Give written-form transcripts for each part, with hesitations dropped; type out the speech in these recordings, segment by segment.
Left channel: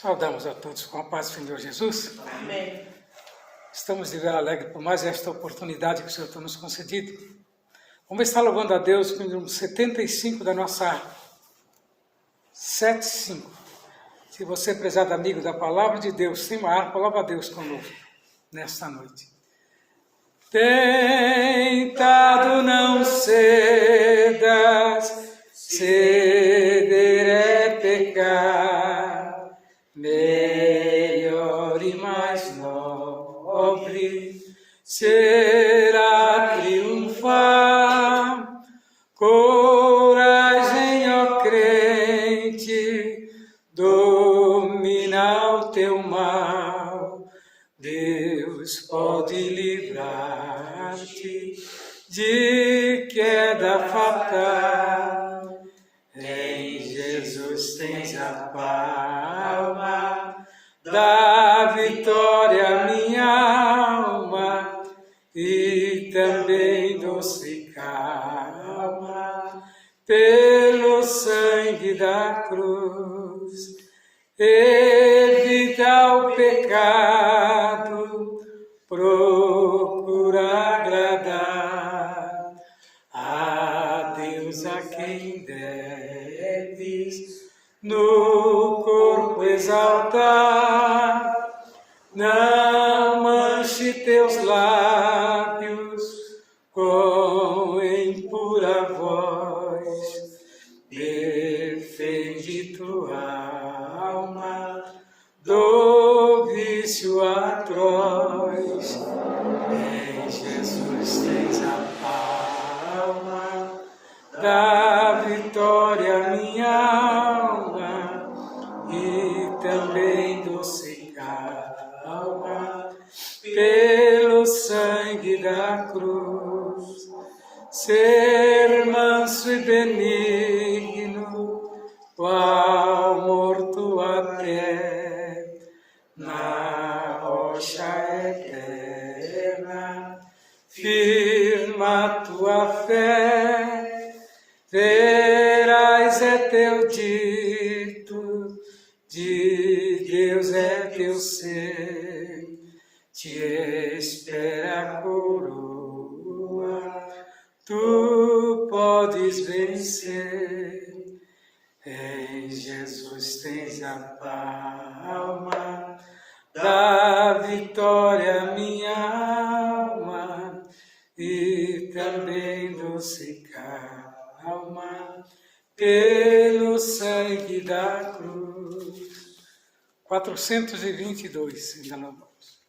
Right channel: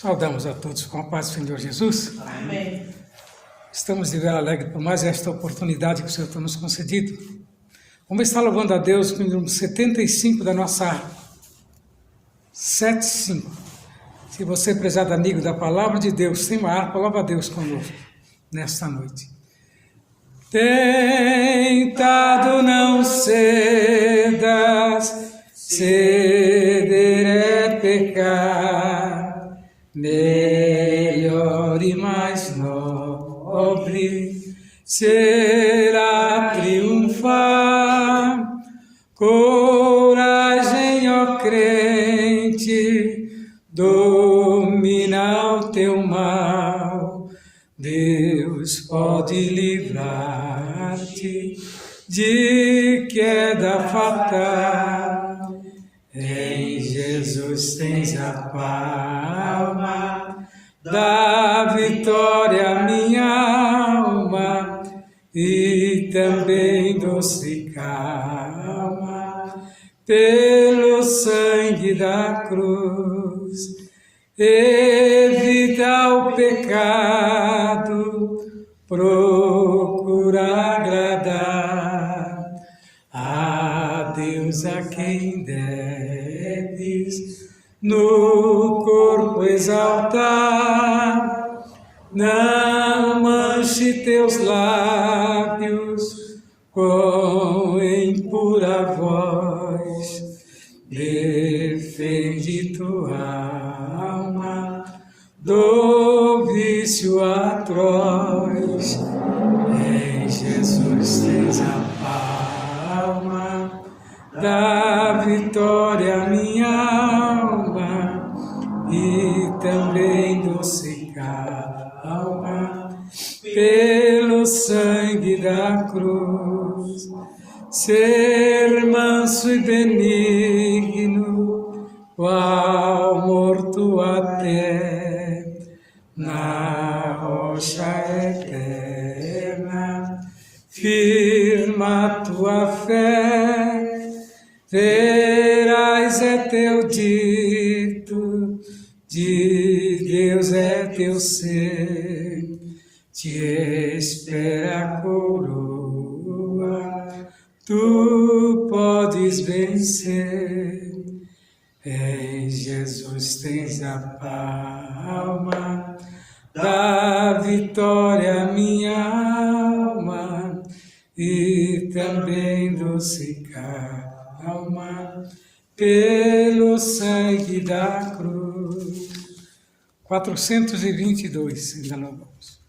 Saudamos a todos com a paz do Senhor Jesus. Amém. Estamos de ver alegre por mais esta oportunidade que o Senhor tem nos concedido. Vamos estar louvando a Deus com o número 75 da nossa 75. Se você, prezado amigo da Palavra de Deus, tem uma harpa, louva a Deus conosco nesta noite. Tentado não cedas, ceder é pecar, melhor e mais nobre será triunfar. Coragem, ó crente, domina o teu mal. Deus pode livrar-te de queda fatal. Em Jesus tens a palma da vitória, minha alma, e também doce calma pelo sangue da cruz. Evita o pecado, procura agradar a Deus, a quem deves no corpo exaltar. Não manche teus lábios com impura voz, defende tua alma do vício atroz. Em Jesus tens a palma da vitória, minha alma, e também doce calma pelo sangue da cruz. Ser manso e benigno, qual morto até na rocha eterna, firma tua fé. Terás é teu dito, de Deus é teu ser, te espera a coroa, tu podes vencer. Em Jesus tens a palma da vitória, minha alma, e também doce calma pelo sangue da cruz. 422, ainda não vamos.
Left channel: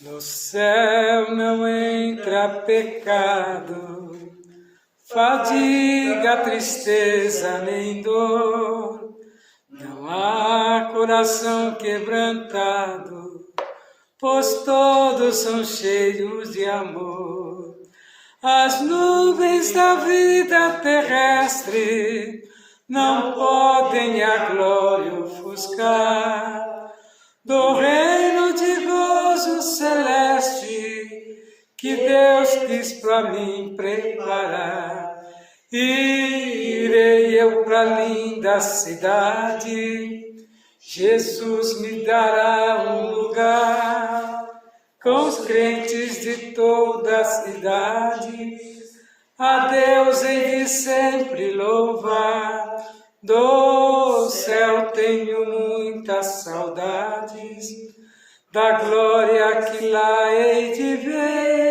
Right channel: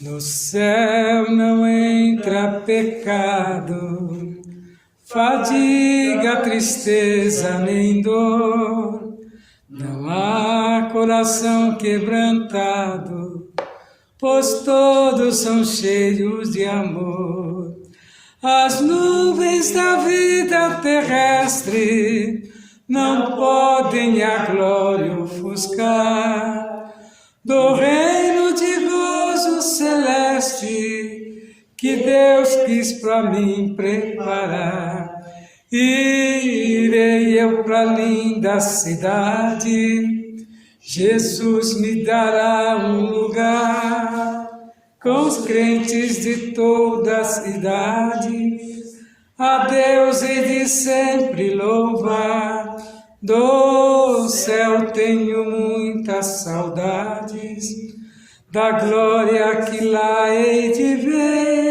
No céu não entra pecado, fadiga, tristeza nem dor. Não há coração quebrantado, pois todos são cheios de amor. As nuvens da vida terrestre não podem a glória ofuscar do reino de gozo celeste que Deus quis para mim preparar. Irei eu para a linda cidade, Jesus me dará um lugar com os crentes de todas as idades. A Deus hei de sempre louvar, do céu tenho muitas saudades, da glória que lá hei de ver.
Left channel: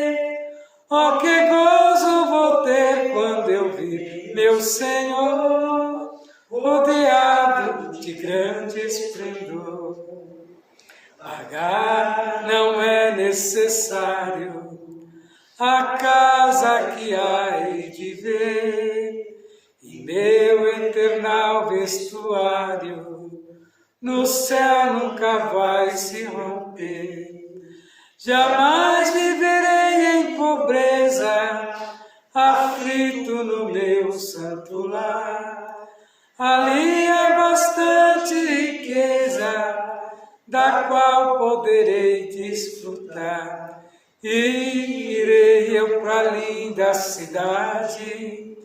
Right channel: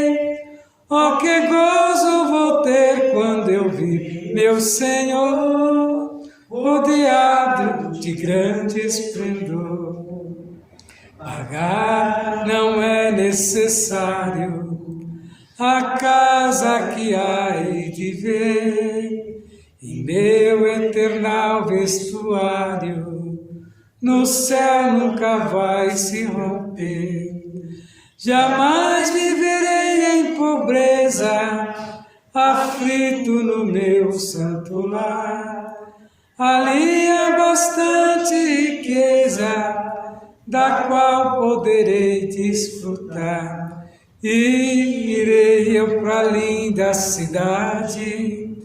Oh, que gozo vou ter quando eu vir meu Senhor, rodeado de grande esplendor. Pagar não é necessário a casa que hei de ver, em meu eternal vestuário, no céu nunca vai se romper. Jamais viverei em pobreza, aflito no meu santo lar. Ali é bastante riqueza, da qual poderei desfrutar. E irei eu pra linda cidade,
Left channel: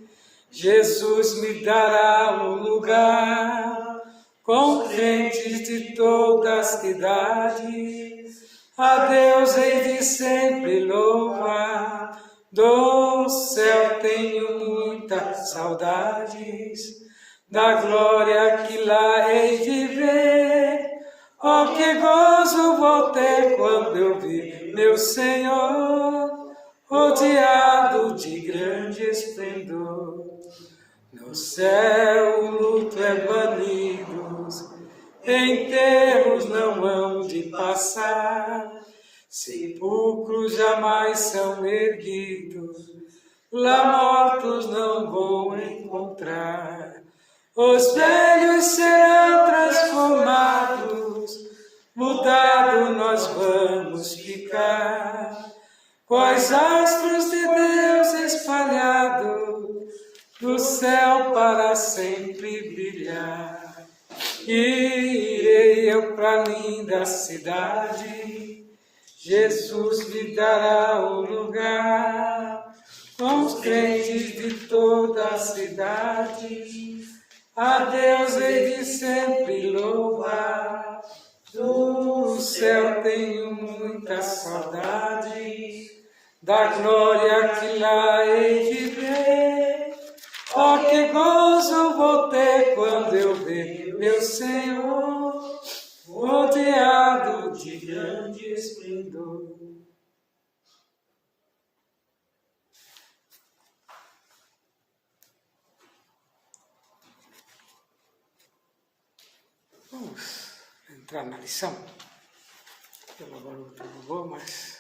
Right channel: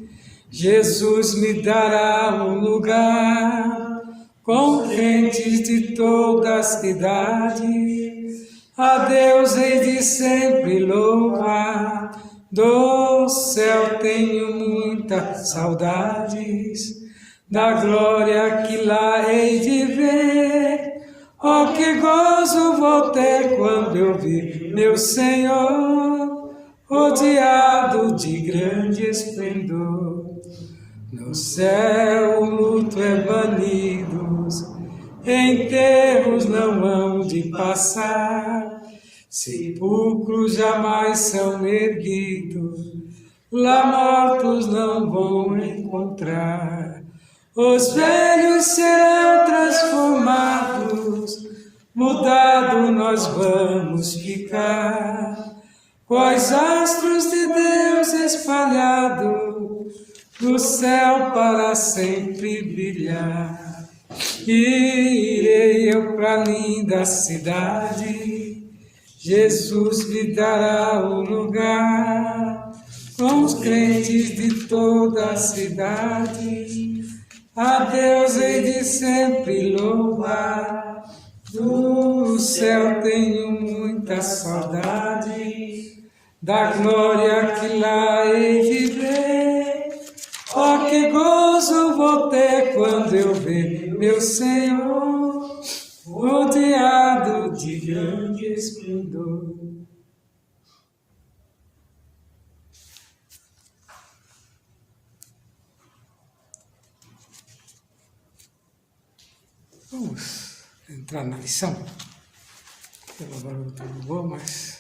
Jesus me dará um lugar, com crentes de todas as idades, a Deus hei de sempre louvar. Do céu tenho muitas saudades, da glória que lá hei de ver. Oh, que gozo vou ter quando eu vi meu Senhor, rodeado de grande esplendor. No céu o luto é banido, enterros não hão de passar, sepulcros jamais são erguidos, lá mortos não vão encontrar. Os velhos serão transformados, mudado nós vamos ficar, quais astros de Deus espalhados, no céu para sempre brilhar. E irei eu pra linda cidade, Jesus me dará um lugar, com os crentes de toda a cidade, a Deus hei de sempre louvar. Do céu tenho muita saudade, da glória que lá hei de ver. Oh, que gozo vou ter quando eu ver meu Senhor, rodeado de grande esplendor. Vamos entrar na lição. Pelo barulho tá bom, mas...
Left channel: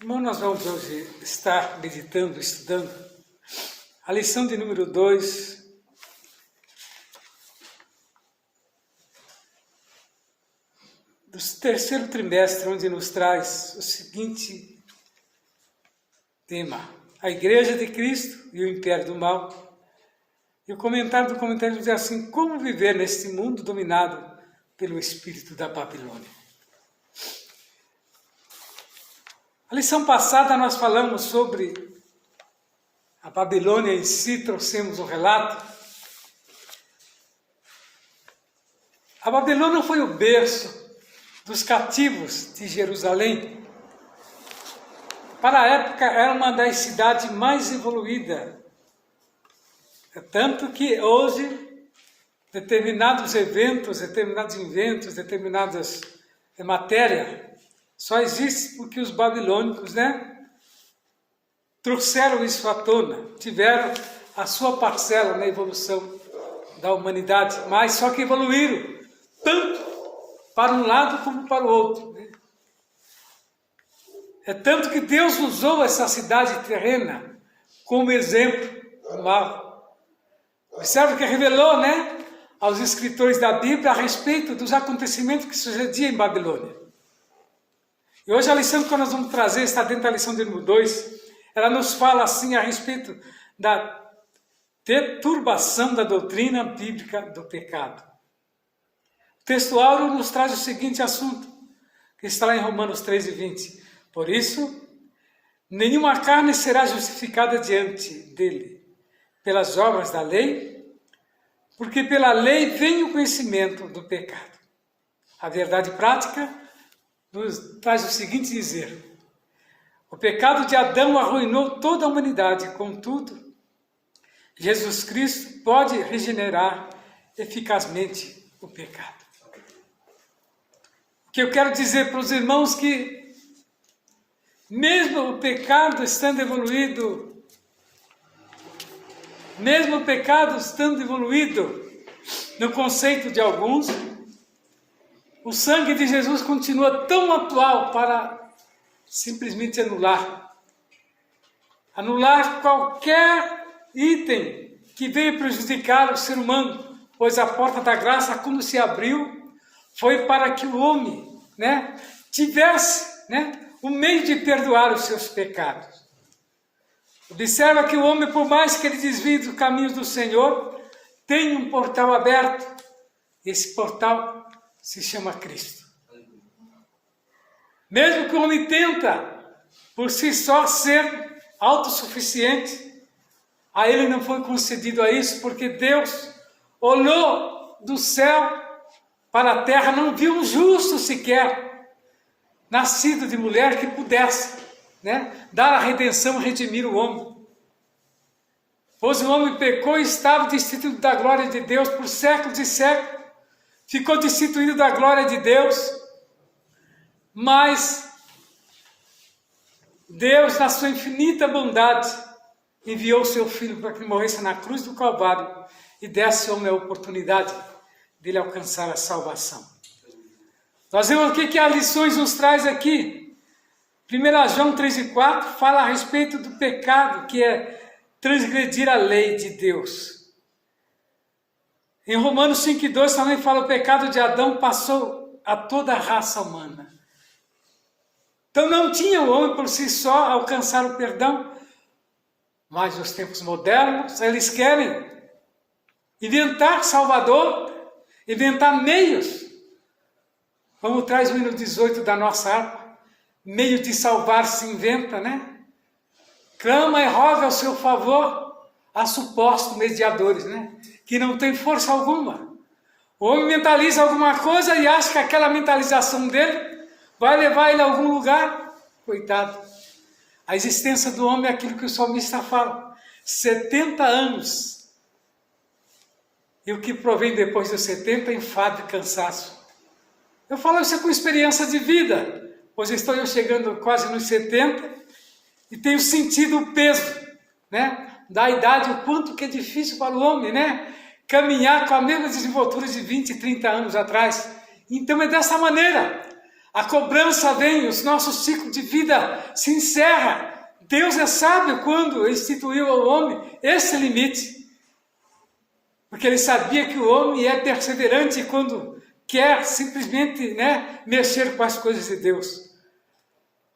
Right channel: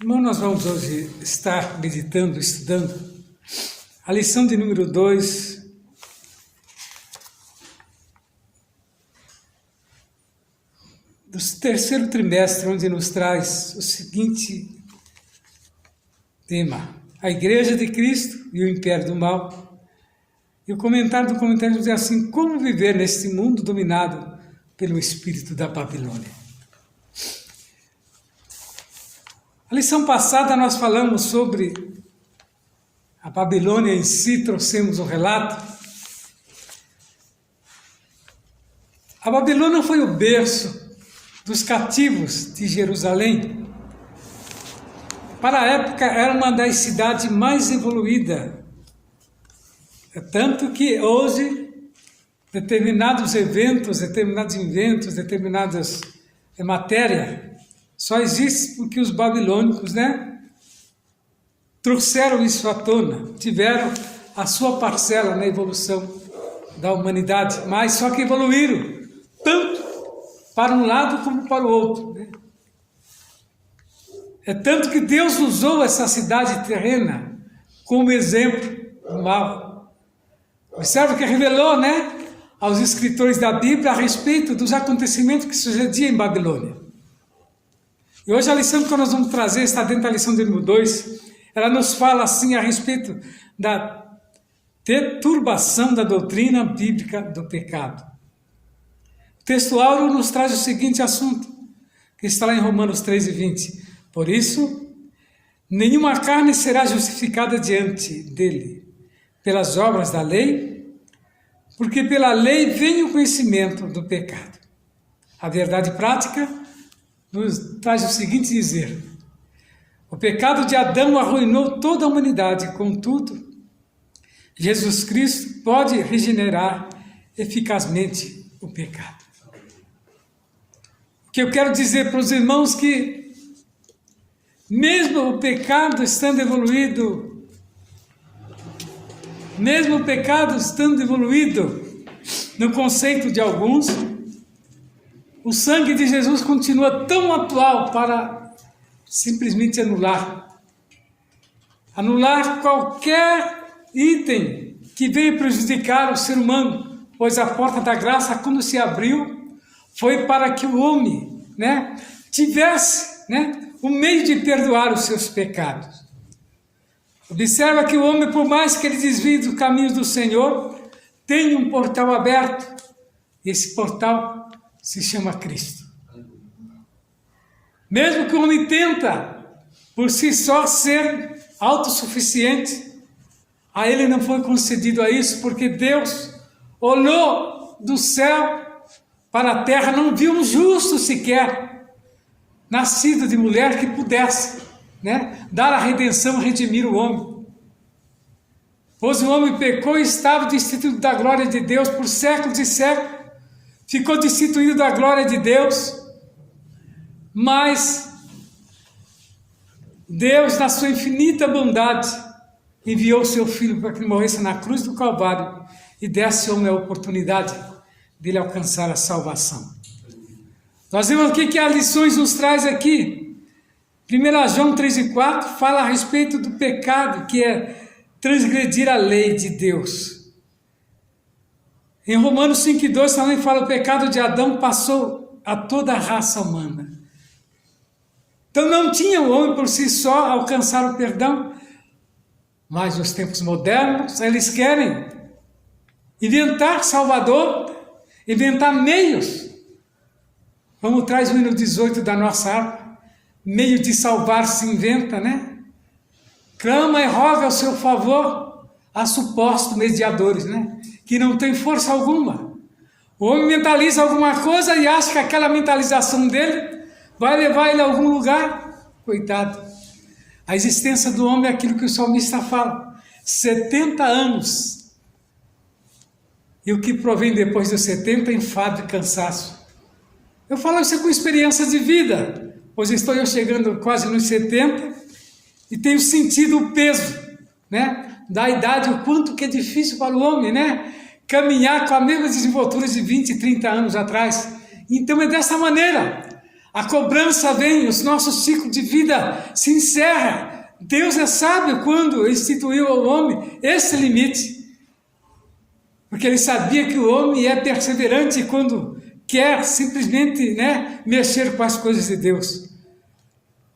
Irmão, nós vamos hoje estar meditando, estudando a lição de número 2 do terceiro trimestre, onde nos traz o seguinte tema: a Igreja de Cristo e o Império do Mal. E o comentário do comentário diz assim: como viver neste mundo dominado pelo espírito da Babilônia. A lição passada nós falamos sobre a Babilônia em si, trouxemos um relato. A Babilônia foi o berço dos cativos de Jerusalém. Para a época era uma das cidades mais evoluídas. Tanto que hoje determinados eventos, determinadas matérias, só existe porque os babilônicos, trouxeram isso à tona, tiveram a sua parcela na evolução da humanidade, mas só que evoluíram, tanto para um lado como para o outro. É tanto que Deus usou essa cidade terrena como exemplo do mal. Observe que revelou, aos escritores da Bíblia a respeito dos acontecimentos que sucediam em Babilônia. E hoje a lição que nós vamos trazer está dentro da lição de número 2. Ela nos fala assim a respeito da deturbação da doutrina bíblica do pecado. O texto áureo nos traz o seguinte assunto, que está lá em Romanos 13:20. Por isso, nenhuma carne será justificada diante dele pelas obras da lei, porque pela lei vem o conhecimento do pecado. A verdade prática nos traz o seguinte dizer: o pecado de Adão arruinou toda a humanidade, contudo, Jesus Cristo pode regenerar eficazmente o pecado. O que eu quero dizer para os irmãos que, mesmo o pecado estando evoluído no conceito de alguns, o sangue de Jesus continua tão atual para simplesmente anular qualquer item que veio prejudicar o ser humano, pois a porta da graça, quando se abriu, foi para que o homem, tivesse, o meio de perdoar os seus pecados. Observa que o homem, por mais que ele desvie dos caminhos do Senhor, tem um portal aberto. Esse portal se chama Cristo. Mesmo que o homem tenta, por si só, ser autossuficiente, a ele não foi concedido a isso, porque Deus olhou do céu para a terra, não viu um justo sequer, nascido de mulher, que pudesse, né, dar a redenção, redimir o homem. Pois o homem pecou e estava destituído da glória de Deus por séculos e séculos, ficou destituído da glória de Deus, mas Deus, na sua infinita bondade, enviou o seu Filho para que morresse na cruz do Calvário e desse ao homem a oportunidade de ele alcançar a salvação. Nós vemos aqui que as lições nos traz aqui. 1 João 3:4 fala a respeito do pecado, que é transgredir a lei de Deus. Em Romanos 5:2 também fala: o pecado de Adão passou a toda a raça humana. Então não tinha o homem por si só alcançar o perdão, mas nos tempos modernos eles querem inventar Salvador, inventar meios, como traz o hino 18 da nossa harpa, meio de salvar se inventa, né? Clama e roga ao seu favor a supostos mediadores, né? Que não tem força alguma. O homem mentaliza alguma coisa e acha que aquela mentalização dele vai levar ele a algum lugar. Coitado. A existência do homem é aquilo que o salmista fala: 70 anos. E o que provém depois dos 70 é enfado e cansaço. Eu falo isso com experiência de vida, pois estou eu chegando quase nos 70 e tenho sentido o peso, né, da idade, o quanto que é difícil para o homem, né, caminhar com a mesma desenvoltura de 20, 30 anos atrás. Então é dessa maneira. A cobrança vem, o nosso ciclo de vida se encerra. Deus é sábio quando instituiu ao homem esse limite. Porque ele sabia que o homem é perseverante quando quer simplesmente, né, mexer com as coisas de Deus.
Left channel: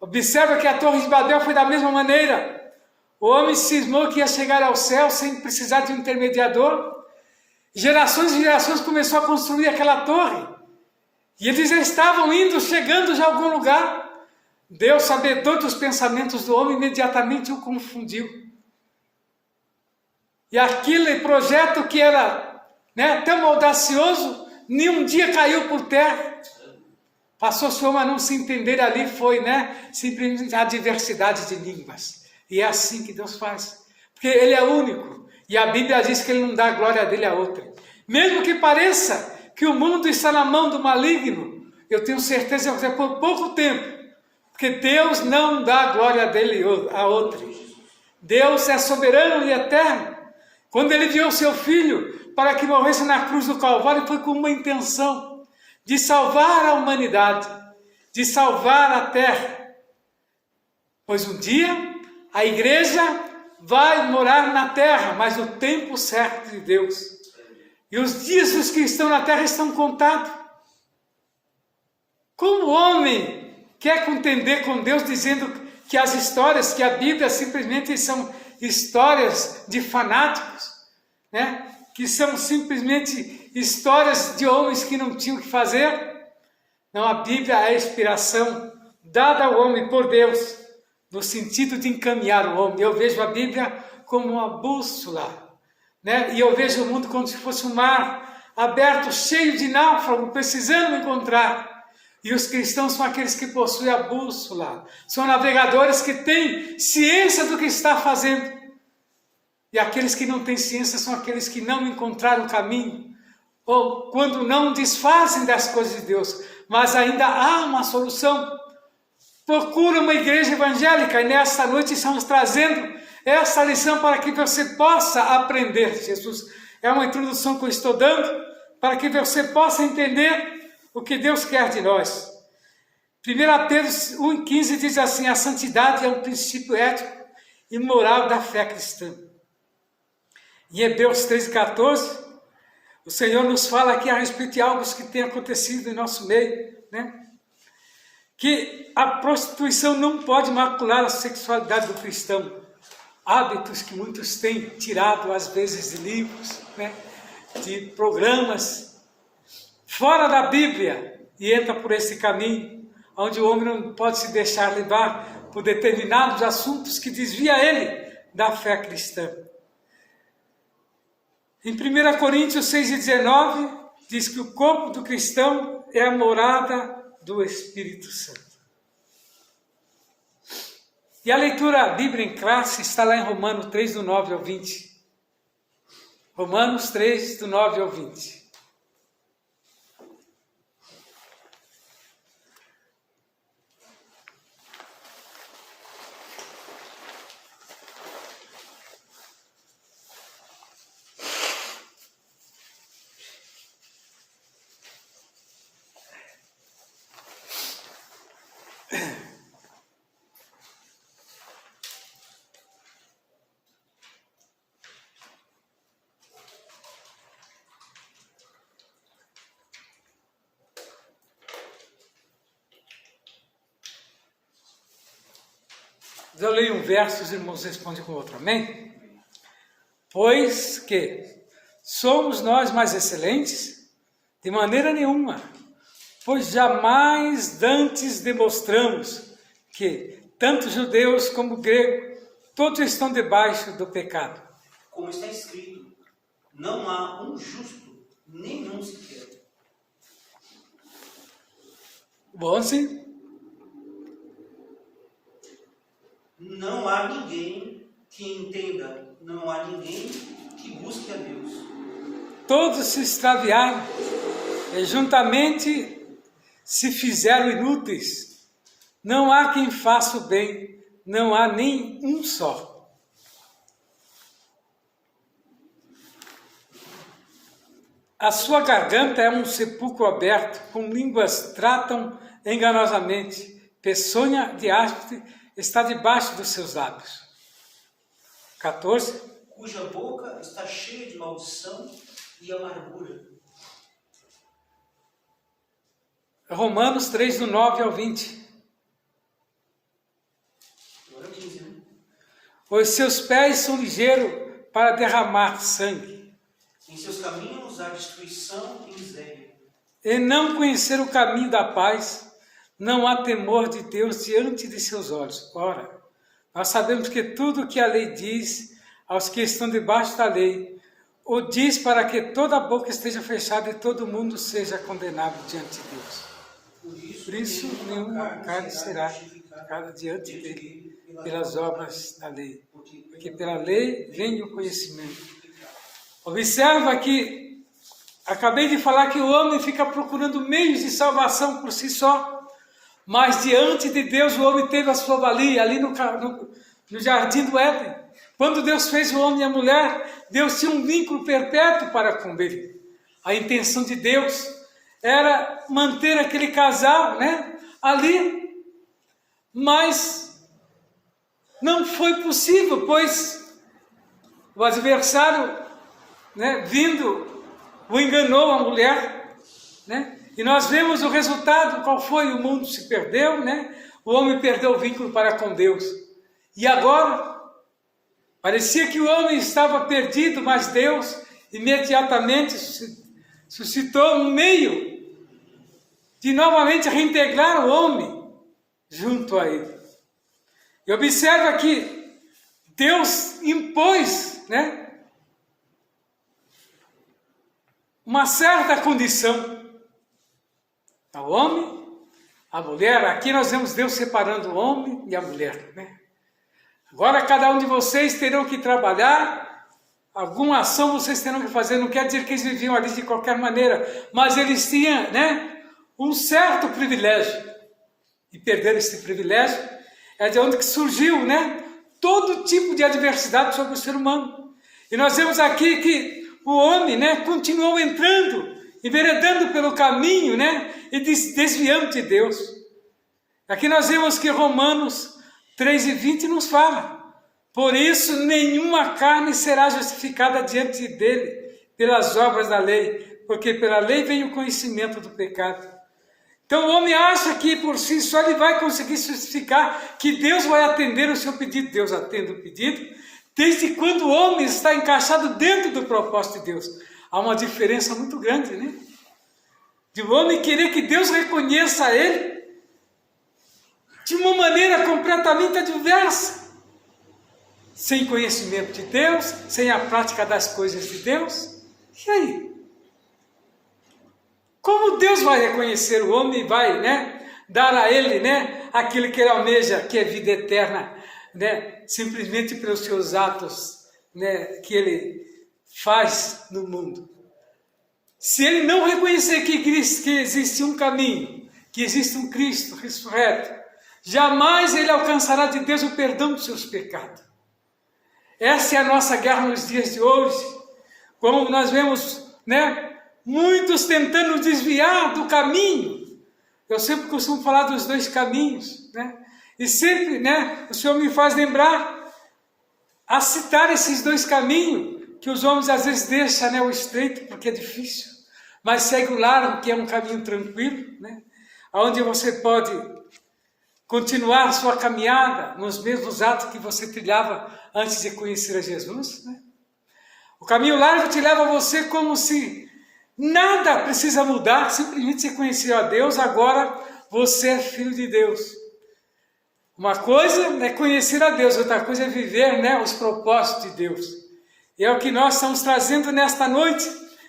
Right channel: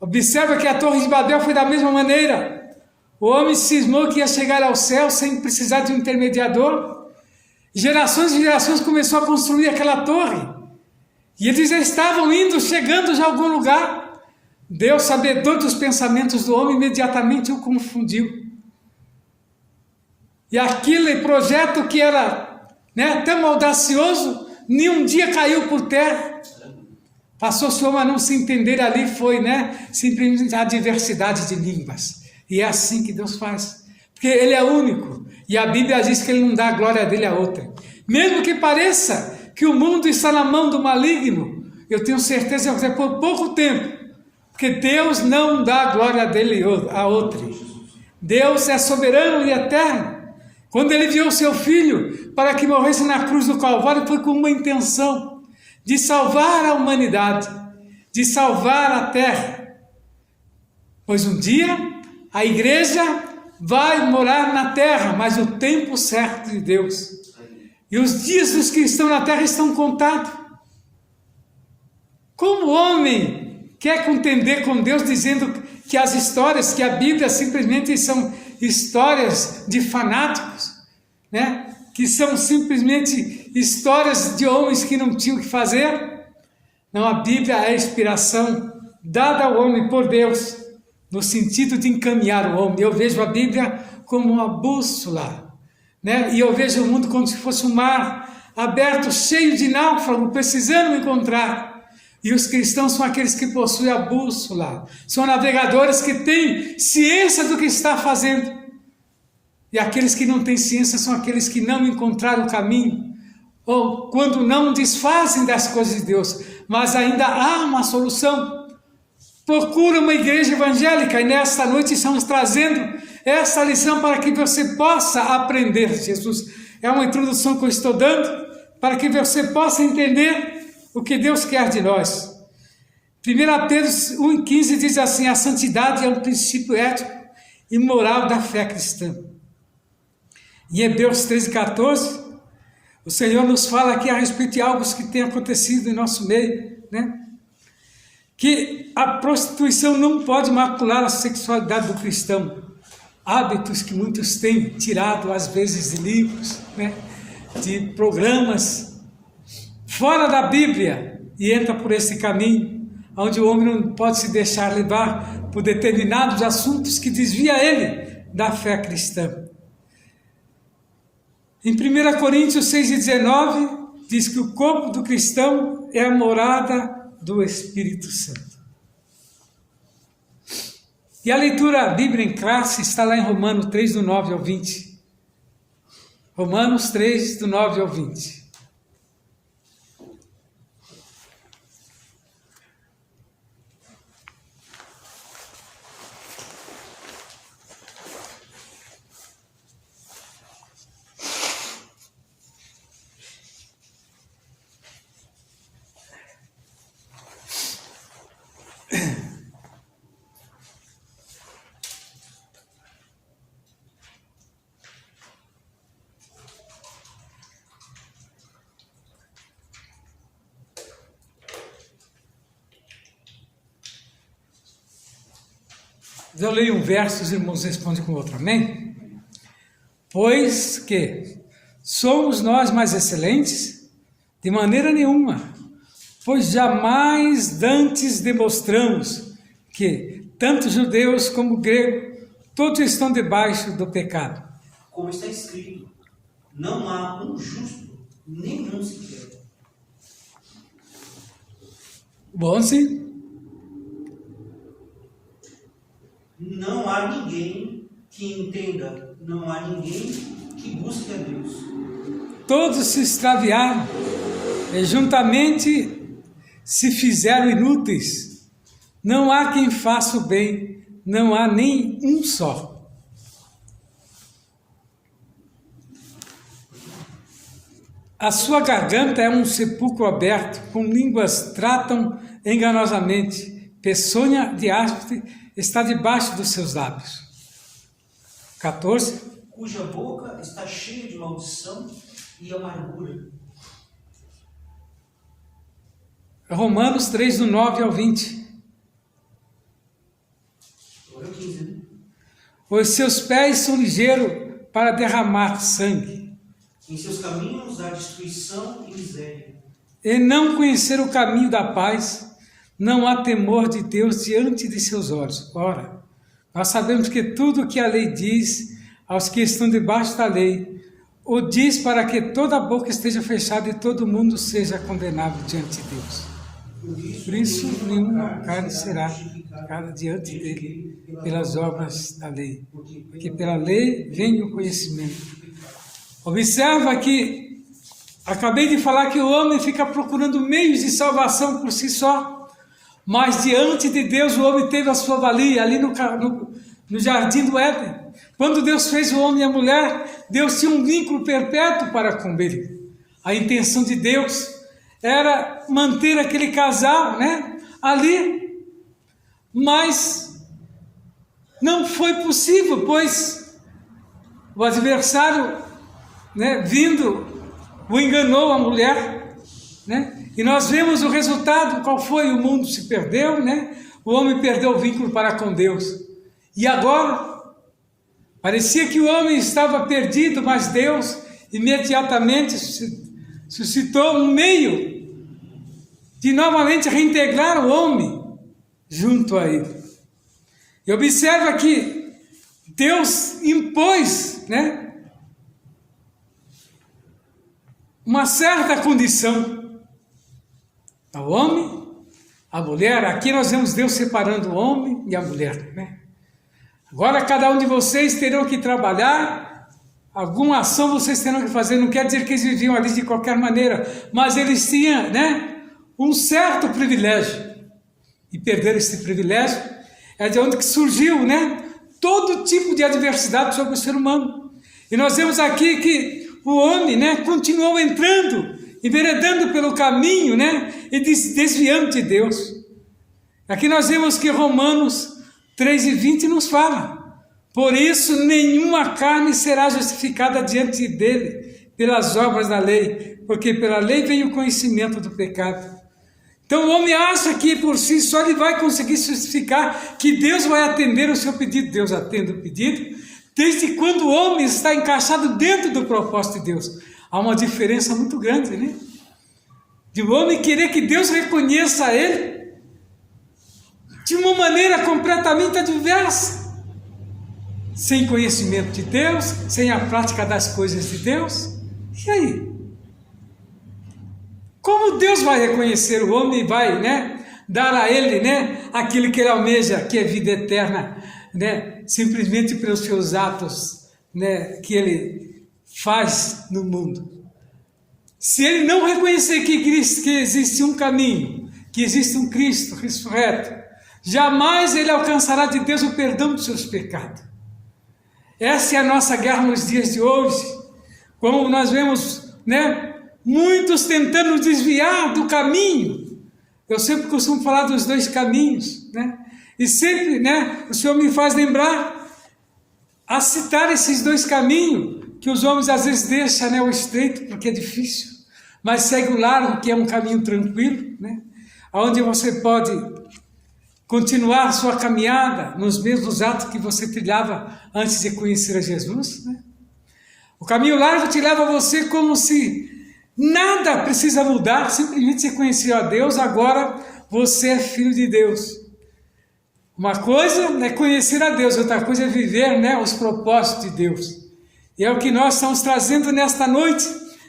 Observa que a Torre de Babel foi da mesma maneira. O homem cismou que ia chegar ao céu sem precisar de um intermediador. Gerações e gerações começou a construir aquela torre. E eles já estavam indo, chegando já a algum lugar. Deus, sabedor dos pensamentos do homem, imediatamente o confundiu. E aquele projeto que era, né, tão audacioso, nenhum dia caiu por terra. Passou-se o homem a não se entender ali, foi, né, simplesmente a diversidade de línguas. E é assim que Deus faz. Porque Ele é único. E a Bíblia diz que Ele não dá a glória dele a outra. Mesmo que pareça que o mundo está na mão do maligno, eu tenho certeza que é por pouco tempo, porque Deus não dá a glória dele a outra. Deus é soberano e eterno. Quando ele enviou seu Filho para que morresse na cruz do Calvário, foi com uma intenção de salvar a humanidade, de salvar a terra. Pois um dia a igreja vai morar na terra, mas no tempo certo de Deus. E os dias dos que estão na terra estão contados. Como o homem quer contender com Deus dizendo que as histórias, que a Bíblia simplesmente são histórias de fanáticos, né? Que são simplesmente histórias de homens que não tinham o que fazer? Não, a Bíblia é a inspiração dada ao homem por Deus, no sentido de encaminhar o homem. Eu vejo a Bíblia como uma bússola, né? E eu vejo o mundo como se fosse um mar aberto, cheio de náufragos, precisando me encontrar. E os cristãos são aqueles que possuem a bússola, são navegadores que têm ciência do que está fazendo. E aqueles que não têm ciência são aqueles que não encontraram o caminho, ou quando não desfazem das coisas de Deus, mas ainda há uma solução. Procura uma igreja evangélica, e nesta noite estamos trazendo essa lição para que você possa aprender. Jesus, é uma introdução que eu estou dando para que você possa entender o que Deus quer de nós. 1 Pedro 1,15 diz assim: a santidade é um princípio ético e moral da fé cristã. Em Hebreus 13,14, o Senhor nos fala aqui a respeito de algo que tem acontecido em nosso meio, né? Que a prostituição não pode macular a sexualidade do cristão. Hábitos que muitos têm tirado às vezes de livros, né? de programas fora da Bíblia e entra por esse caminho, onde o homem não pode se deixar levar por determinados assuntos que desvia ele da fé cristã. Em 1 Coríntios 6,19, diz que o corpo do cristão é a morada do Espírito Santo. E a leitura bíblica em classe está lá em Romanos 3, do 9 ao 20. Romanos 3, do 9 ao 20. Eu leio um verso, os irmãos respondem com outro, amém? Pois que somos nós mais excelentes? De maneira nenhuma, pois jamais dantes demonstramos que tanto judeus como gregos, todos estão debaixo do pecado. Como está escrito, não há um justo, nenhum sequer. Bom, sim. Não há ninguém que entenda, não há ninguém que busque a Deus. Todos se extraviaram e juntamente se fizeram inúteis. Não há quem faça o bem, não há nem um só. A sua garganta é um sepulcro aberto, com línguas tratam enganosamente. Peçonha de áspide está debaixo dos seus lábios. 14. Cuja boca está cheia de maldição e amargura. Romanos 3, do 9 ao 20. Agora 15, né? Os seus pés são ligeiros para derramar sangue. Em seus caminhos há destruição e miséria. E não conhecer o caminho da paz, não há temor de Deus diante de seus olhos. Ora, nós sabemos que tudo o que a lei diz aos que estão debaixo da lei, o diz para que toda a boca esteja fechada e todo mundo seja condenado diante de Deus. Por isso, nenhuma carne será justificada diante dele pelas obras da lei, porque pela lei vem o conhecimento. Observa que acabei de falar que o homem fica procurando meios de salvação por si só. Mas diante de Deus o homem teve a sua valia ali no jardim do Éden. Quando Deus fez o homem e a mulher, Deus tinha um vínculo perpétuo para com ele. A intenção de Deus era manter aquele casal, né, ali. Mas não foi possível, pois o adversário, né, vindo, o enganou a mulher, né? E nós vemos o resultado, qual foi? O mundo se perdeu, né? O homem perdeu o vínculo para com Deus. E agora, parecia que o homem estava perdido, mas Deus imediatamente suscitou um meio de novamente reintegrar o homem junto a ele. E observa que Deus impôs, né, uma certa condição ao homem, à mulher. Aqui nós vemos Deus separando o homem e a mulher, né? Agora cada um de vocês terão que trabalhar, alguma ação vocês terão que fazer. Não quer dizer que eles viviam ali de qualquer maneira, mas eles tinham, né, um certo privilégio, e perderam esse privilégio. É de onde que surgiu, né, todo tipo de adversidade sobre o ser humano. E nós vemos aqui que o homem, né, continuou entrando, enveredando pelo caminho, né, e desviando de Deus. Aqui nós vemos que Romanos 3:20 nos fala: por isso nenhuma carne será justificada diante dele pelas obras da lei, porque pela lei vem o conhecimento do pecado. Então o homem acha que por si só ele vai conseguir justificar, que Deus vai atender o seu pedido. Deus atende o pedido desde quando o homem está encaixado dentro do propósito de Deus. Há uma diferença muito grande, né? De o homem querer que Deus reconheça ele de uma maneira completamente adversa, sem conhecimento de Deus, sem a prática das coisas de Deus. E aí? Como Deus vai reconhecer o homem e vai, né, dar a ele, né, aquilo que ele almeja, que é vida eterna, né, simplesmente pelos seus atos, né, que ele faz no mundo? Se ele não reconhecer que existe um caminho, que existe um Cristo ressurreto, jamais ele alcançará de Deus o perdão dos seus pecados. Essa é a nossa guerra nos dias de hoje. Como nós vemos, né, muitos tentando desviar do caminho. Eu sempre costumo falar dos dois caminhos, né? E sempre, né, o Senhor me faz lembrar a citar esses dois caminhos, que os homens às vezes deixam, né, o estreito, porque é difícil, mas segue o largo, que é um caminho tranquilo, né? Onde você pode continuar a sua caminhada nos mesmos atos que você trilhava antes de conhecer a Jesus, né? O caminho largo te leva a você como se nada precisa mudar, simplesmente você conhecer a Deus, agora você é filho de Deus. Uma coisa é conhecer a Deus, outra coisa é viver, né, os propósitos de Deus. E é o que nós estamos trazendo nesta noite,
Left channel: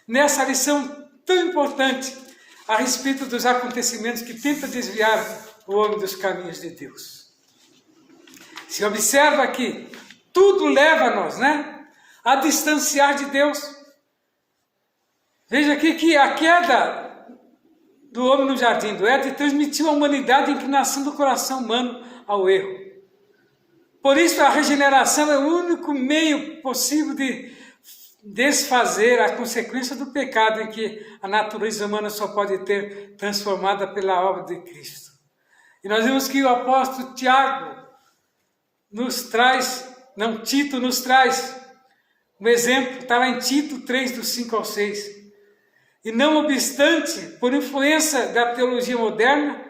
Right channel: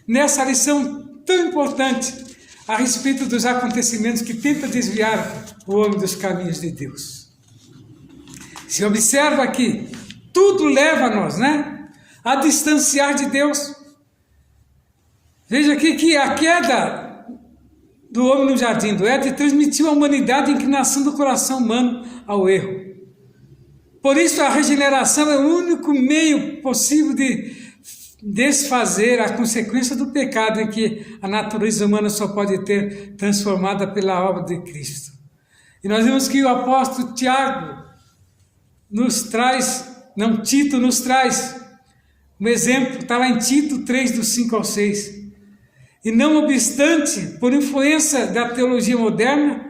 nessa lição tão importante, a respeito dos acontecimentos que tentam desviar o homem dos caminhos de Deus. Se observa aqui, tudo leva-nos, né, a distanciar de Deus. Veja aqui que a queda do homem no jardim do Éden transmitiu à humanidade a inclinação do coração humano ao erro. Por isso a regeneração é o único meio possível de desfazer a consequência do pecado em que a natureza humana só pode ter transformada pela obra de Cristo. E nós vemos que o apóstolo Tiago Tito nos traz um exemplo, está lá em Tito 3, do 5 ao 6. E não obstante, por influência da teologia moderna,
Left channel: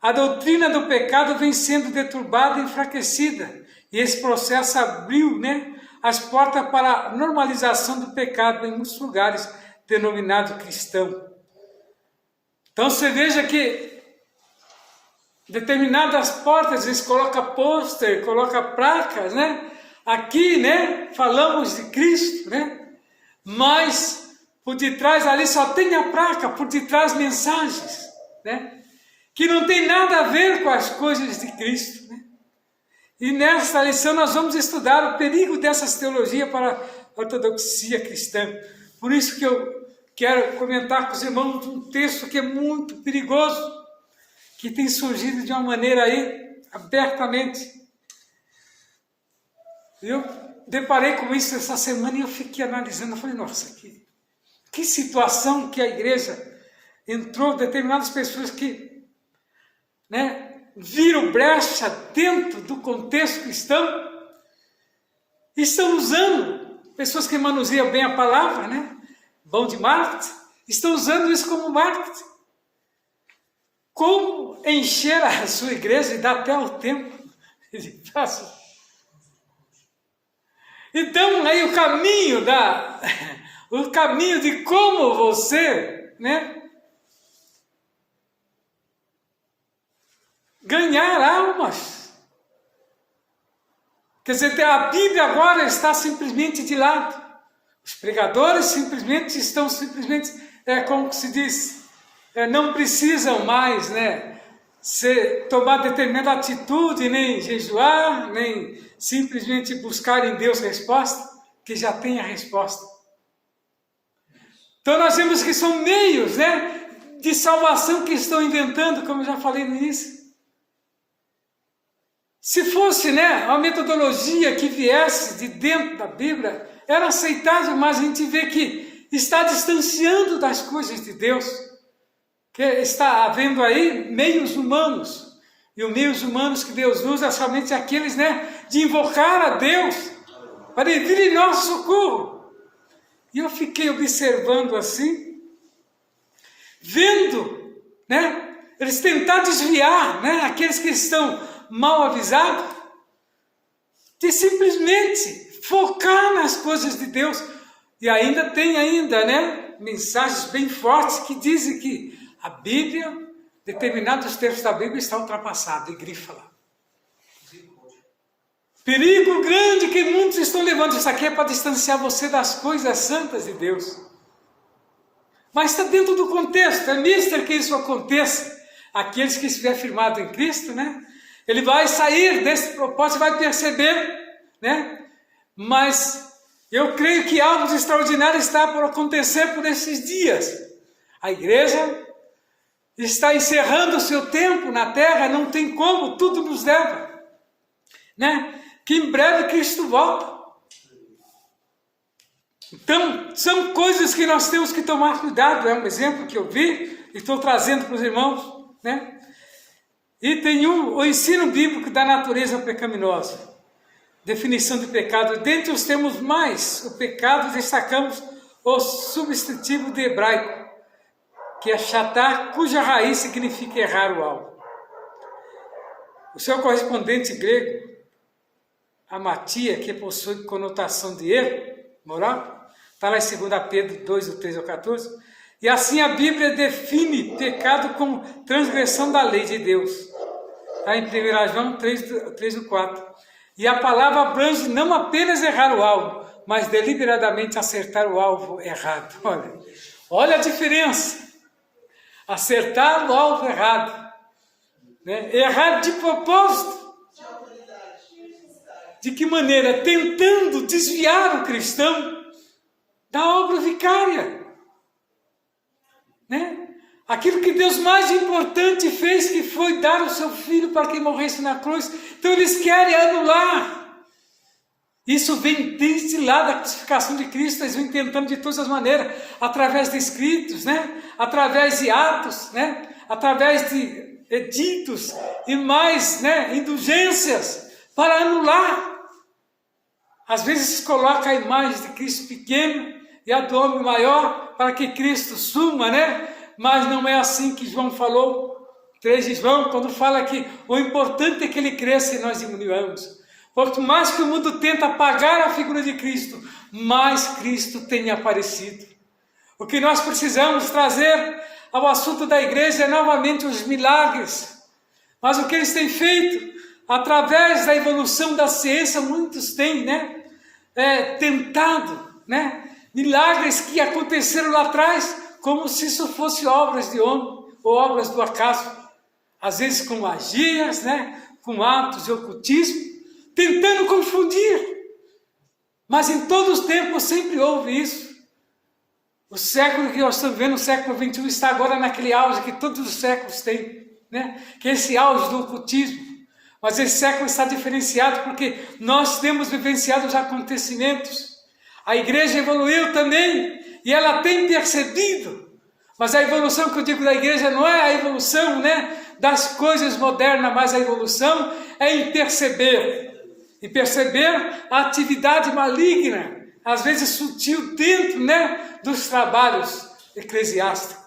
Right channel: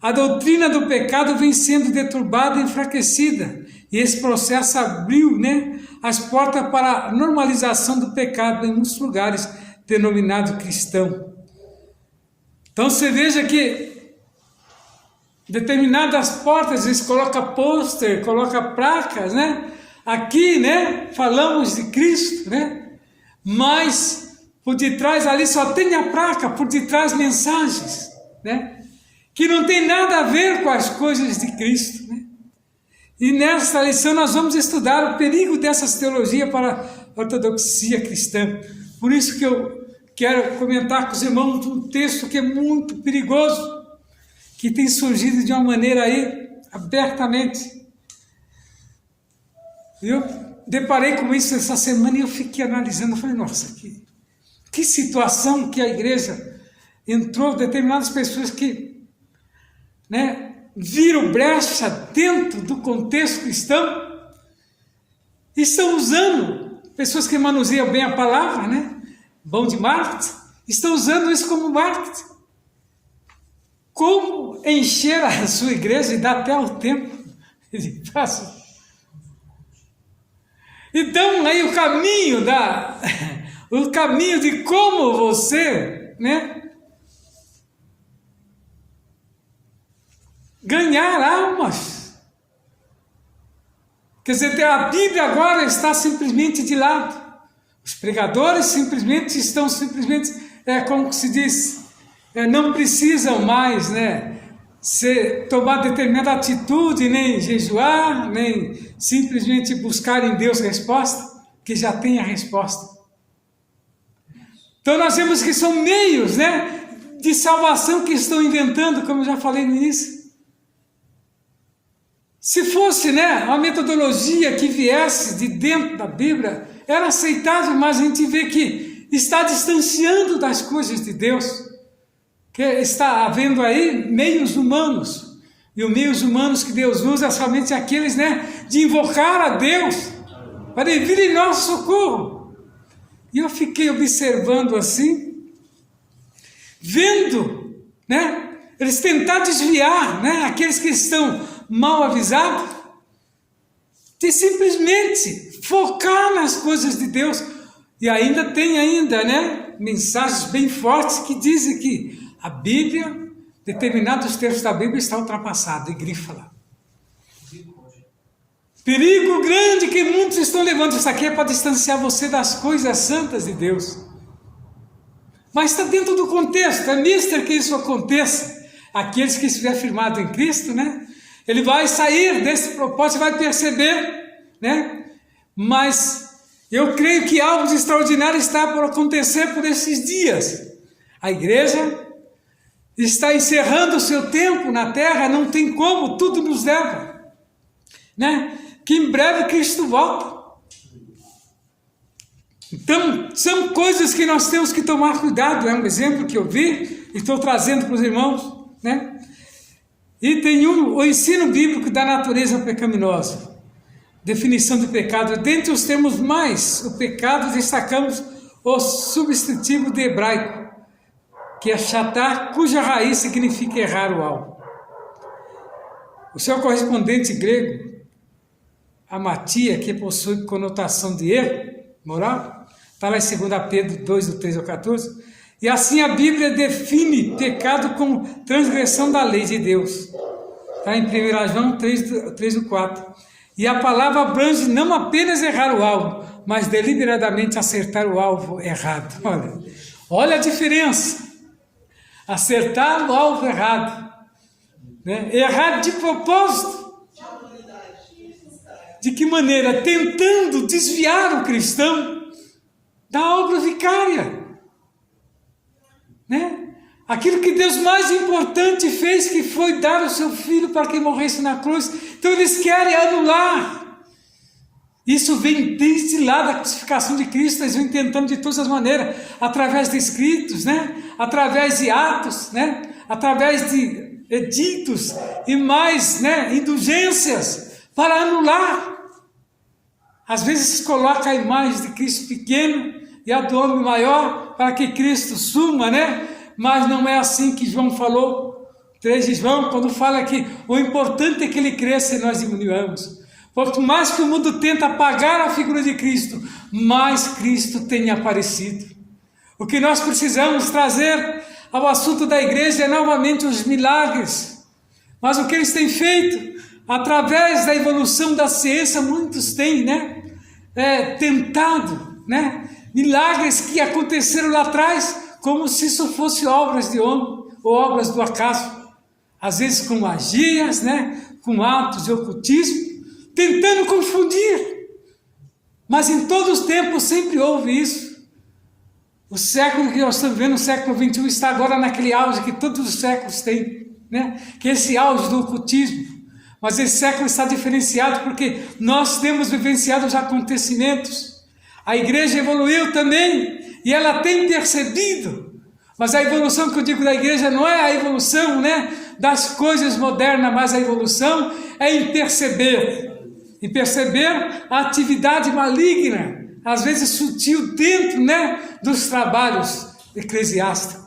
a doutrina do pecado vem sendo deturbada e enfraquecida. E esse processo abriu, né, as portas para a normalização do pecado em muitos lugares denominado cristão. Então você veja que determinadas portas eles colocam pôster, colocam placas, né? Aqui, né, falamos de Cristo, né? Mas por detrás ali só tem a placa, por detrás mensagens, né, que não tem nada a ver com as coisas de Cristo, né? E nesta lição nós vamos estudar o perigo dessas teologias para a ortodoxia cristã. Por isso que eu quero comentar com os irmãos um texto que é muito perigoso, que tem surgido de uma maneira aí abertamente. Eu deparei com isso essa semana e eu fiquei analisando, eu falei, nossa, que situação que a igreja entrou, determinadas pessoas que, né, viram brecha dentro do contexto cristão e estão usando, pessoas que manuseiam bem a palavra, né, bom de marketing, estão usando isso como marketing. Como encher a sua igreja e dar até o tempo de passo. Então, aí o caminho de como você, né, ganhar almas. Quer dizer, a Bíblia agora está simplesmente de lado. Os pregadores estão como se diz, não precisam mais, né, tomar determinada atitude, nem jejuar, nem simplesmente buscar em Deus resposta, que já tem a resposta. Então nós vemos que são meios, né, de salvação que estão inventando, como eu já falei no início. Se fosse, né, uma metodologia que viesse de dentro da Bíblia, era aceitável, mas a gente vê que está distanciando das coisas de Deus. Que está havendo aí meios humanos, e os meios humanos que Deus usa somente aqueles, né, de invocar a Deus, para vir em nosso socorro. E eu fiquei observando assim, vendo, né, eles tentar desviar, né, aqueles que estão mal avisados, de simplesmente focar nas coisas de Deus, E ainda tem né, mensagens bem fortes que dizem que a Bíblia, determinados textos da Bíblia estão ultrapassados, e grifa lá. Perigo grande que muitos estão levando. Isso aqui é para distanciar você das coisas santas de Deus. Mas está dentro do contexto, é mister que isso aconteça. Aqueles que estiver firmado em Cristo, né? Ele vai sair desse propósito e vai perceber, né? Mas eu creio que algo extraordinário está por acontecer por esses dias. A igreja está encerrando o seu tempo na terra, não tem como, tudo nos leva, né? Que em breve Cristo volta. Então, são coisas que nós temos que tomar cuidado. É um exemplo que eu vi, estou trazendo para os irmãos, né? E tem o ensino bíblico da natureza pecaminosa. Definição de pecado. Dentre os termos mais, o pecado, destacamos o substantivo de hebraico, que é shatar, cuja raiz significa errar o alvo. O seu correspondente grego, amatia, que possui conotação de erro moral, está lá em 2 Pedro 2, do 13 ao 14, e assim a Bíblia define pecado como transgressão da lei de Deus. Está em 1 João 3 do 4. E a palavra abrange não apenas errar o alvo, mas deliberadamente acertar o alvo errado. Olha a diferença. Acertar o alvo errado. Né? Errar de propósito. De que maneira? Tentando desviar o cristão da obra vicária. Né? Aquilo que Deus mais importante fez, que foi dar o seu filho para que morresse na cruz. Então eles querem anular. Isso vem desde lá da crucificação de Cristo, eles vêm tentando de todas as maneiras, através de escritos, né? Através de atos, né? Através de editos e mais, né? Indulgências, para anular. Às vezes se coloca a imagem de Cristo pequeno e a do homem maior, para que Cristo suma, né? Mas não é assim que João falou, 3 de João, quando fala que o importante é que ele cresça e nós diminuamos. Quanto mais que o mundo tenta apagar a figura de Cristo, mais Cristo tem aparecido. O que nós precisamos trazer ao assunto da igreja é novamente os milagres. Mas o que eles têm feito, através da evolução da ciência, muitos têm, né? Tentado, né? Milagres que aconteceram lá atrás, como se isso fosse obras de homem ou obras do acaso, às vezes com magias, né? Com atos de ocultismo, tentando confundir. Mas em todos os tempos sempre houve isso. O século que nós estamos vendo, o século XXI, está agora naquele auge que todos os séculos têm, né? Que é esse auge do ocultismo. Mas esse século está diferenciado porque nós temos vivenciado os acontecimentos. A igreja evoluiu também e ela tem percebido. Mas a evolução que eu digo da igreja não é a evolução, né, das coisas modernas, mas a evolução é em perceber. E perceber a atividade maligna, às vezes sutil, dentro, né, dos trabalhos eclesiásticos.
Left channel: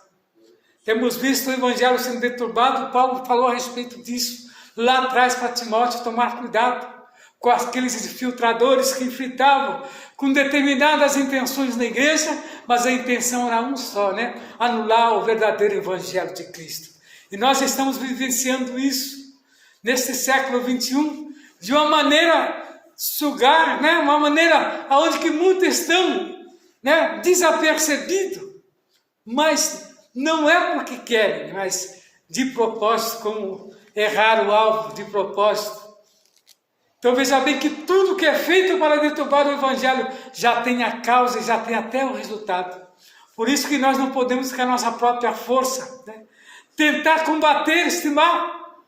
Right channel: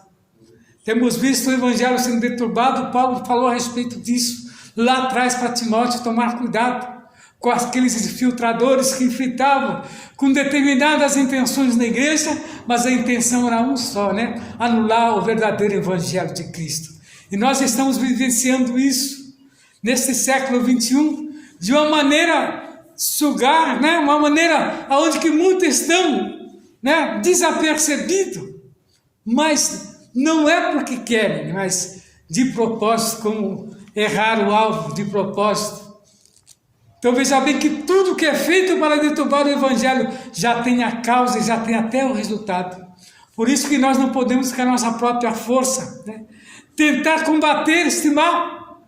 Temos visto o evangelho sendo deturbado, Paulo falou a respeito disso lá atrás para Timóteo tomar cuidado com aqueles infiltradores que infiltravam com determinadas intenções na igreja, mas a intenção era um só, né? Anular o verdadeiro evangelho de Cristo. E nós estamos vivenciando isso neste século XXI, de uma maneira sugar, né? Uma maneira onde que muitos estão, né? Desapercebidos, mas não é porque querem, mas de propósito, como errar o alvo de propósito. Então veja bem que tudo que é feito para deturbar o evangelho já tem a causa e já tem até o resultado. Por isso que nós não podemos com a nossa própria força, né, tentar combater este mal,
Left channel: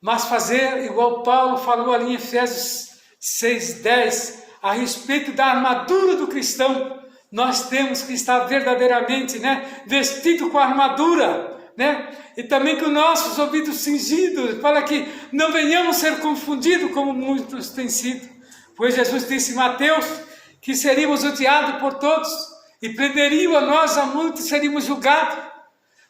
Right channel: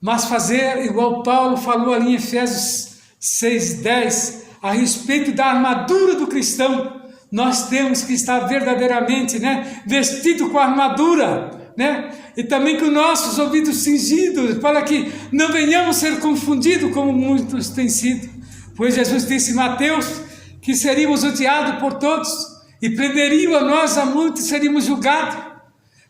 mas fazer igual Paulo falou ali em Efésios 6:10, a respeito da armadura do cristão. Nós temos que estar verdadeiramente, né, vestido com a armadura, né? E também com nossos ouvidos cingidos, para que não venhamos ser confundidos como muitos têm sido. Pois Jesus disse em Mateus que seríamos odiados por todos e prenderiam a nós a muitos e seríamos julgados.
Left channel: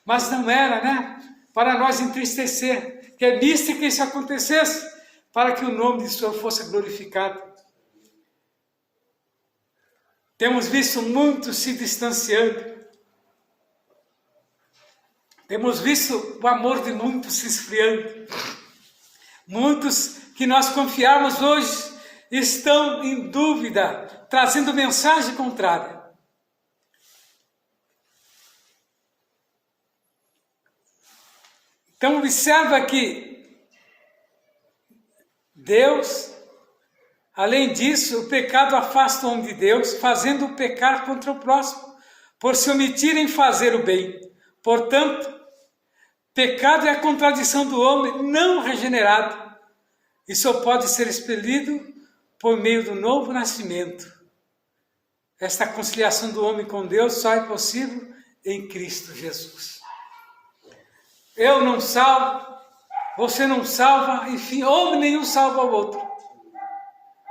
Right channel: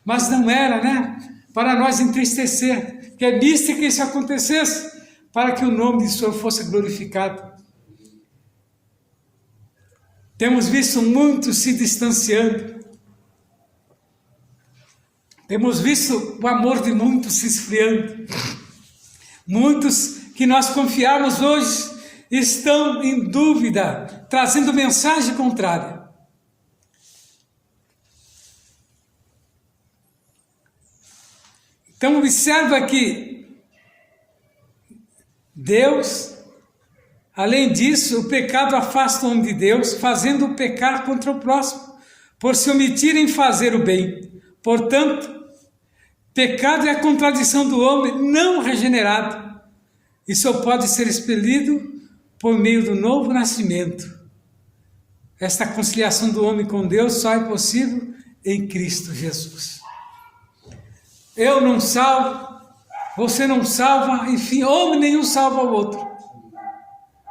Mas não era, né? Para nós entristecer, que é visto que isso acontecesse, para que o nome de Senhor fosse glorificado. Temos visto muitos se distanciando. Temos visto o amor de muitos se esfriando. Muitos que nós confiamos hoje estão em dúvida, trazendo mensagem contrária. Então observa que Deus, além disso, o pecado afasta o homem de Deus, fazendo-o pecar contra o próximo, por se omitir em fazer o bem. Portanto, pecado é a contradição do homem não regenerado e só pode ser expelido por meio do novo nascimento. Esta conciliação do homem com Deus só é possível em Cristo Jesus. Eu não salvo, você não salva, enfim, homem nenhum salva o outro.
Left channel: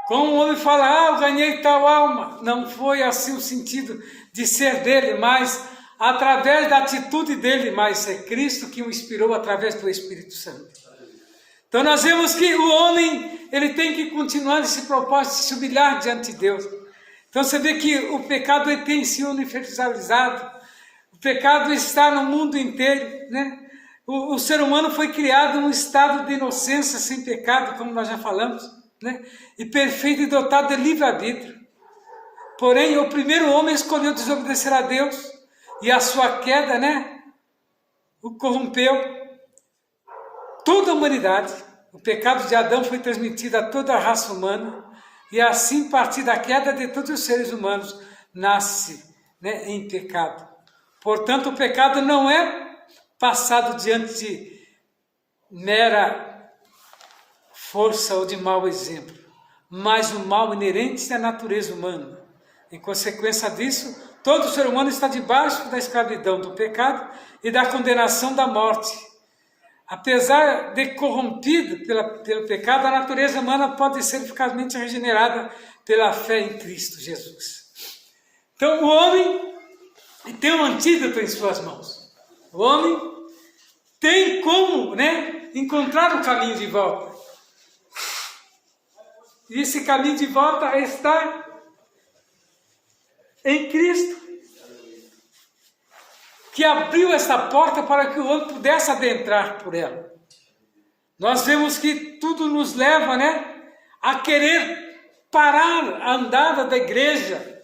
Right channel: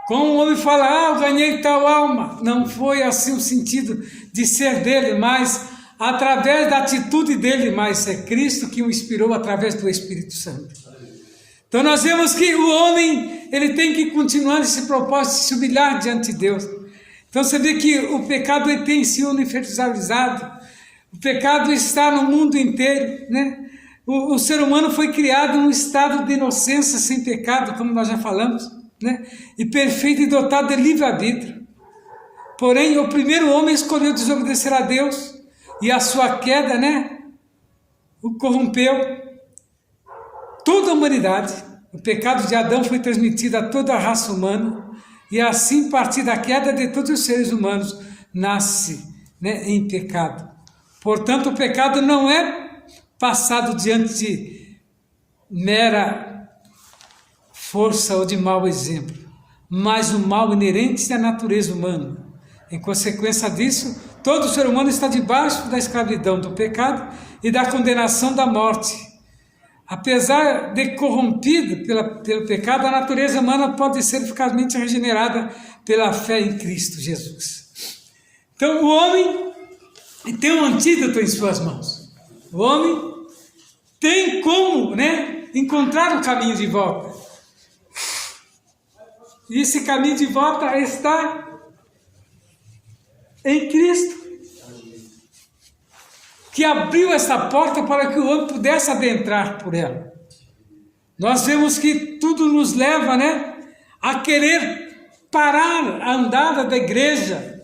Como o homem fala, eu ganhei tal alma. Não foi assim o sentido de ser dele, mas através da atitude dele, mas é Cristo que o inspirou através do Espírito Santo. Então nós vemos que o homem, ele tem que continuar nesse propósito de se humilhar diante de Deus. Então você vê que o pecado ele tem se universalizado, o pecado está no mundo inteiro, né? O ser humano foi criado num estado de inocência sem pecado, como nós já falamos, né? E perfeito e dotado de livre-arbítrio. Porém, o primeiro homem escolheu desobedecer a Deus e a sua queda, né, o corrompeu toda a humanidade. O pecado de Adão foi transmitido a toda a raça humana e assim, a partir da queda de todos os seres humanos, nasce, né, em pecado. Portanto, o pecado não é passado diante de mera força ou de mau exemplo, mas o mal inerente à natureza humana. Em consequência disso, todo ser humano está debaixo da escravidão do pecado e da condenação da morte. Apesar de corrompido pelo pecado, a natureza humana pode ser eficazmente regenerada pela fé em Cristo Jesus. Então o homem tem um antídoto em suas mãos. O homem tem como, né, encontrar um caminho de volta. E esse caminho de volta está em Cristo, que abriu essa porta para que o homem pudesse adentrar por ela. Nós vemos que tudo nos leva, né, a querer parar a andada da igreja,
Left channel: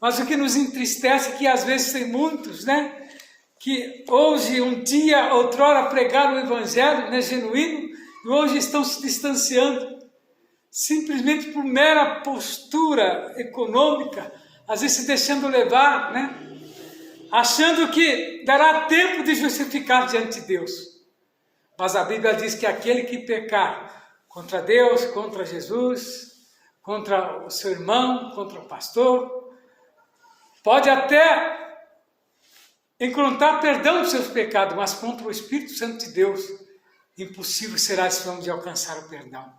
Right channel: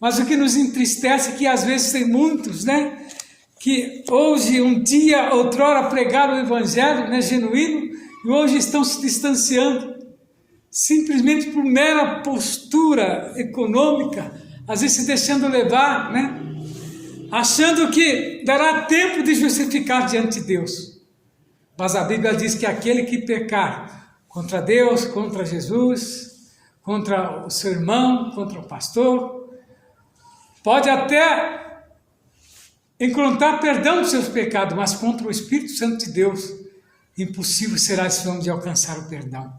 mas o que nos entristece é que às vezes tem muitos, né, que hoje, um dia, outrora pregaram o evangelho, né, genuíno, e hoje estão se distanciando, simplesmente por mera postura econômica, às vezes se deixando levar, né, achando que dará tempo de justificar diante de Deus. Mas a Bíblia diz que aquele que pecar contra Deus, contra Jesus, contra o seu irmão, contra o pastor, pode até encontrar perdão dos seus pecados, mas contra o Espírito Santo de Deus, impossível será esse homem de alcançar o perdão.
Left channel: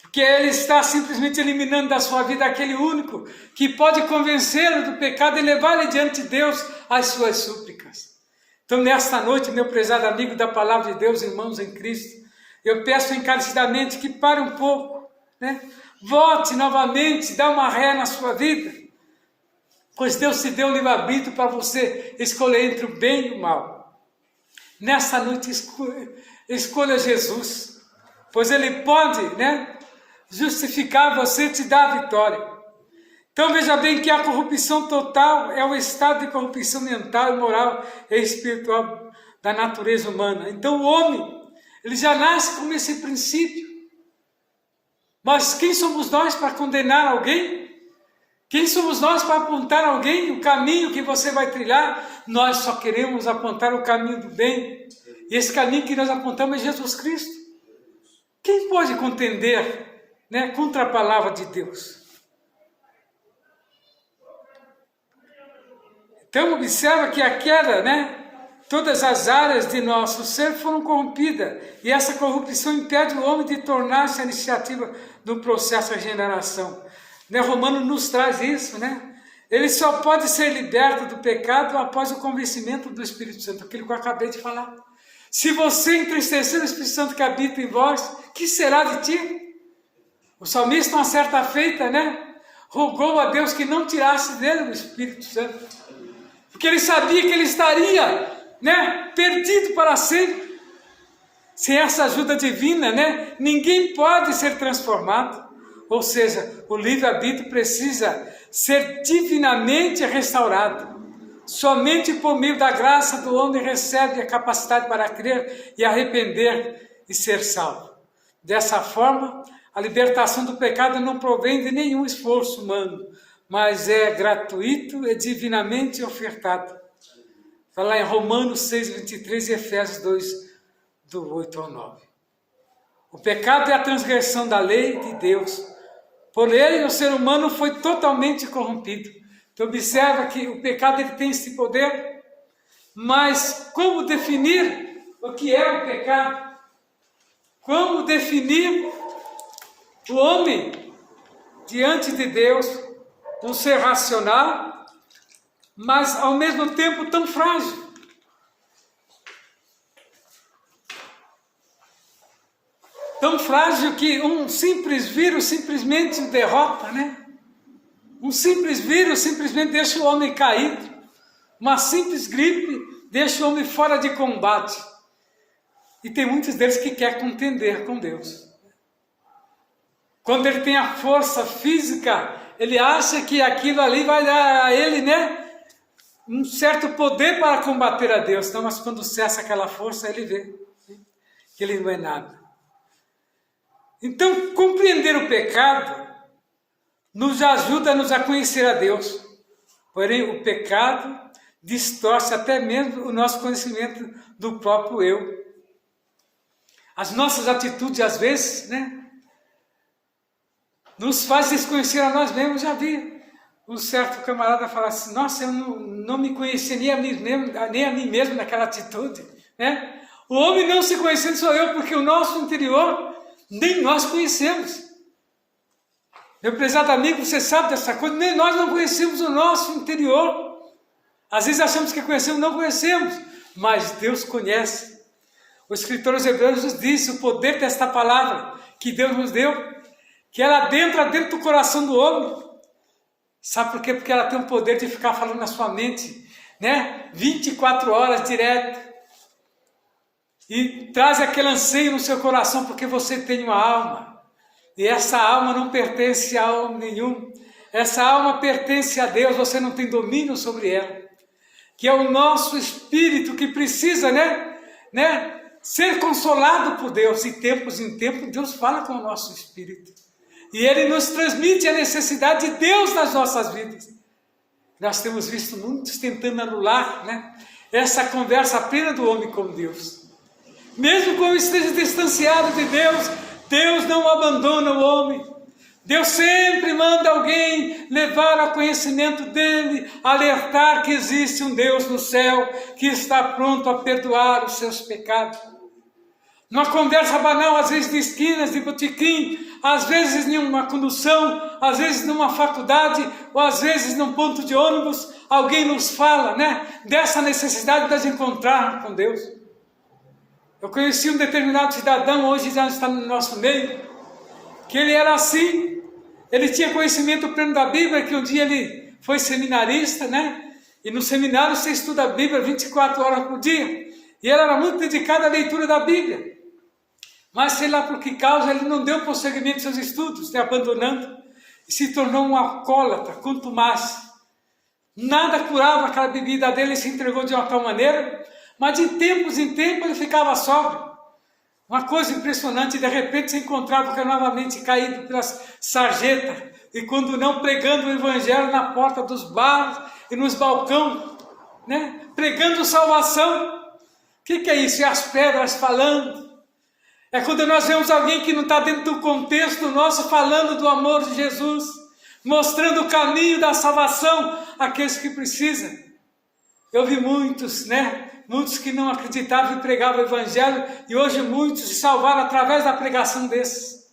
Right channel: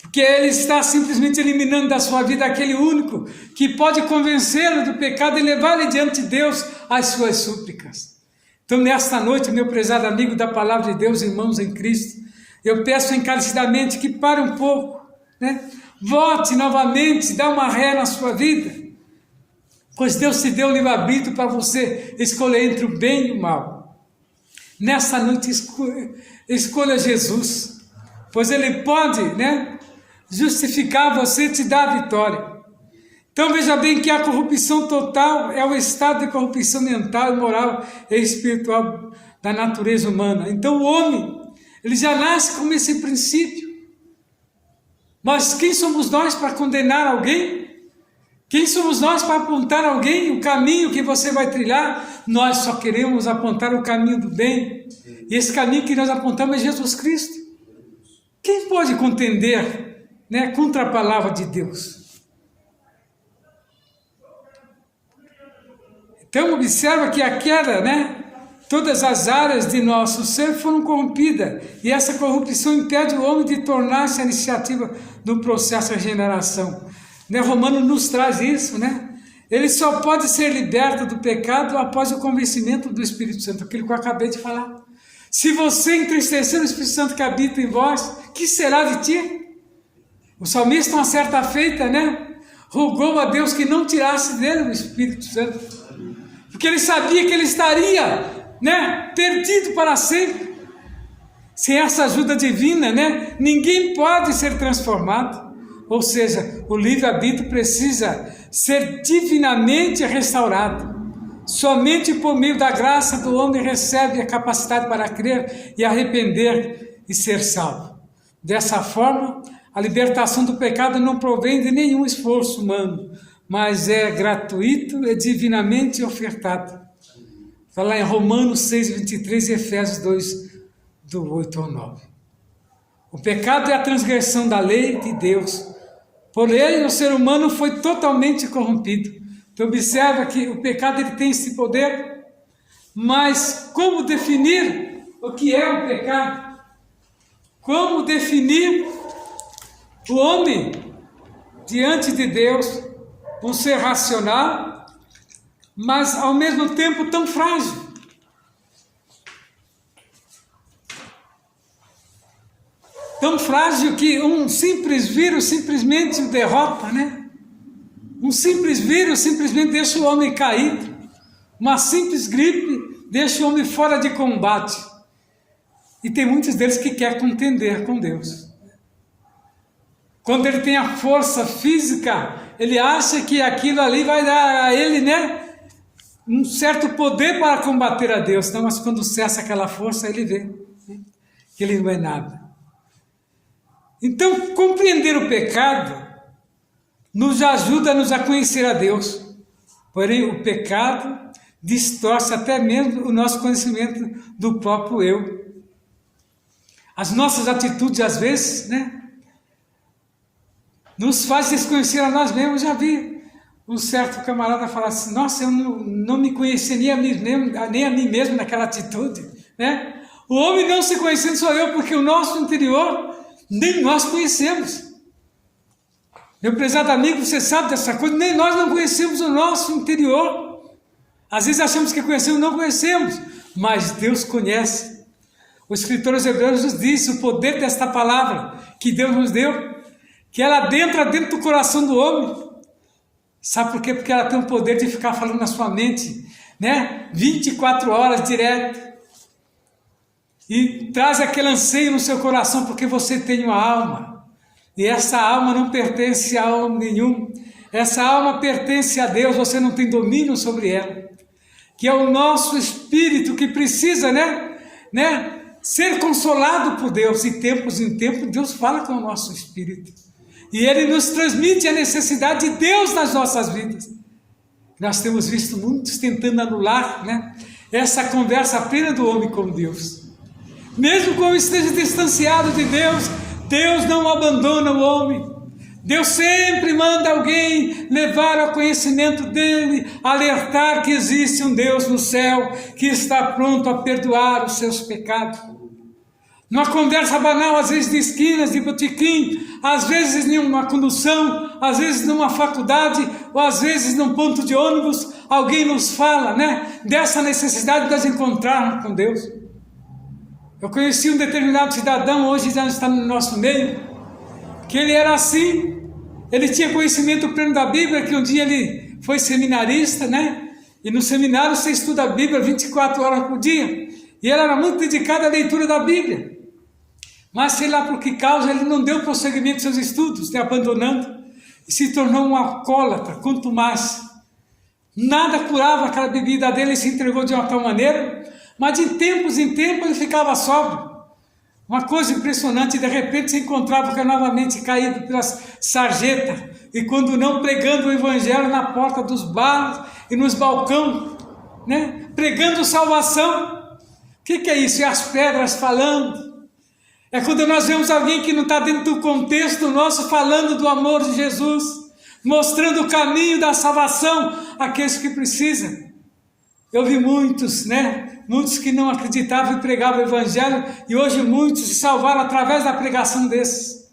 Porque ele está simplesmente eliminando da sua vida aquele único que pode convencê-lo do pecado e levar-lhe diante de Deus as suas súplicas. Então, nesta noite, meu prezado amigo da Palavra de Deus, irmãos em Cristo, eu peço encarecidamente que pare um pouco, né? Volte novamente, dá uma ré na sua vida, pois Deus te deu o livre-arbítrio para você escolher entre o bem e o mal. Nesta noite, escolha Jesus, pois Ele pode, né, justificar você e te dar a vitória. Então veja bem que a corrupção total é o estado de corrupção mental, moral e espiritual da natureza humana. Então o homem, ele já nasce com esse princípio. Mas quem somos nós para condenar alguém? Quem somos nós para apontar a alguém o caminho que você vai trilhar? Nós só queremos apontar o caminho do bem. E esse caminho que nós apontamos é Jesus Cristo. Quem pode contender, né, contra a palavra de Deus? Então observa que a queda, né, todas as áreas de nosso ser foram corrompidas. E essa corrupção impede o homem de tornar-se a iniciativa do processo de regeneração. Né, Romano nos traz isso, né? Ele só pode ser liberto do pecado após o convencimento do Espírito Santo, aquilo que eu acabei de falar. Se você entristecer o Espírito Santo que habita em vós, que será de ti? O salmista, uma certa feita, né? rogou a Deus que não tirasse dele o Espírito Santo, porque ele sabia que ele estaria, né, perdido para sempre. Sem essa ajuda divina, né, ninguém pode ser transformado. Ou seja, o livre-arbítrio precisa ser divinamente restaurado. Somente por meio da graça do homem recebe a capacidade para crer e arrepender e ser salvo. Dessa forma, a libertação do pecado não provém de nenhum esforço humano, mas é gratuito e divinamente ofertado. Está lá em Romanos 6, 23 e Efésios 2, do 8 ao 9. O pecado é a transgressão da lei de Deus. Por ele, o ser humano foi totalmente corrompido. Então, observa que o pecado ele tem esse poder, mas como definir o que é o pecado? Como definir o homem diante de Deus, um ser racional, mas ao mesmo tempo tão frágil? Tão frágil que um simples vírus simplesmente o derrota, né? Um simples vírus simplesmente deixa o homem caído. Uma simples gripe deixa o homem fora de combate. E tem muitos deles que querem contender com Deus. Quando ele tem a força física, ele acha que aquilo ali vai dar a ele, né, um certo poder para combater a Deus. Então, mas quando cessa aquela força, ele vê, né, que ele não é nada. Então, compreender o pecado nos ajuda-nos a conhecer a Deus. Porém, o pecado distorce até mesmo o nosso conhecimento do próprio eu. As nossas atitudes, às vezes, né, nos faz desconhecer a nós mesmos. Já vi um certo camarada falar assim: nossa, eu não me conheceria nem a mim mesmo naquela atitude, né? O homem não se conhecendo sou eu, porque o nosso interior nem nós conhecemos. Meu prezado amigo, você sabe dessa coisa, nem nós não conhecemos o nosso interior. Às vezes achamos que conhecemos, não conhecemos, mas Deus conhece. O escritor aos Hebreus nos disse o poder desta palavra que Deus nos deu, que ela entra dentro do coração do homem. Sabe por quê? Porque ela tem o poder de ficar falando na sua mente, né? 24 horas direto. E traz aquele anseio no seu coração, porque você tem uma alma. E essa alma não pertence a homem nenhum. Essa alma pertence a Deus, você não tem domínio sobre ela. Que é o nosso espírito que precisa, né, ser consolado por Deus. E tempos em tempos Deus fala com o nosso espírito. E Ele nos transmite a necessidade de Deus nas nossas vidas. Nós temos visto muitos tentando anular, né, essa conversa apenas do homem com Deus. Mesmo como esteja distanciado de Deus, Deus não abandona o homem. Deus sempre manda alguém levar ao conhecimento dele, alertar que existe um Deus no céu que está pronto a perdoar os seus pecados. Numa conversa banal, às vezes de esquinas, de botequim, às vezes numa condução, às vezes numa faculdade, ou às vezes num ponto de ônibus, alguém nos fala, né, dessa necessidade de nos encontrarmos com Deus. Eu conheci um determinado cidadão, hoje já está no nosso meio, que ele era assim. Ele tinha conhecimento pleno da Bíblia, que um dia ele foi seminarista, né? E no seminário você estuda a Bíblia 24 horas por dia. E ele era muito dedicado à leitura da Bíblia. Mas sei lá por que causa ele não deu prosseguimento aos seus estudos, abandonando, e se tornou um alcoólatra, contumaz. Nada curava aquela bebida dele, ele se entregou de uma tal maneira, mas de tempos em tempos ele ficava sóbrio. Uma coisa impressionante, de repente se encontrava novamente caído pelas sarjetas, e quando não, pregando o evangelho na porta dos bares e nos balcões, né? Pregando salvação. O que é isso? É as pedras falando. É quando nós vemos alguém que não está dentro do contexto nosso falando do amor de Jesus, mostrando o caminho da salvação àqueles que precisam. Eu vi muitos, né? Muitos que não acreditavam e pregavam o evangelho, e hoje muitos se salvaram através da pregação desses.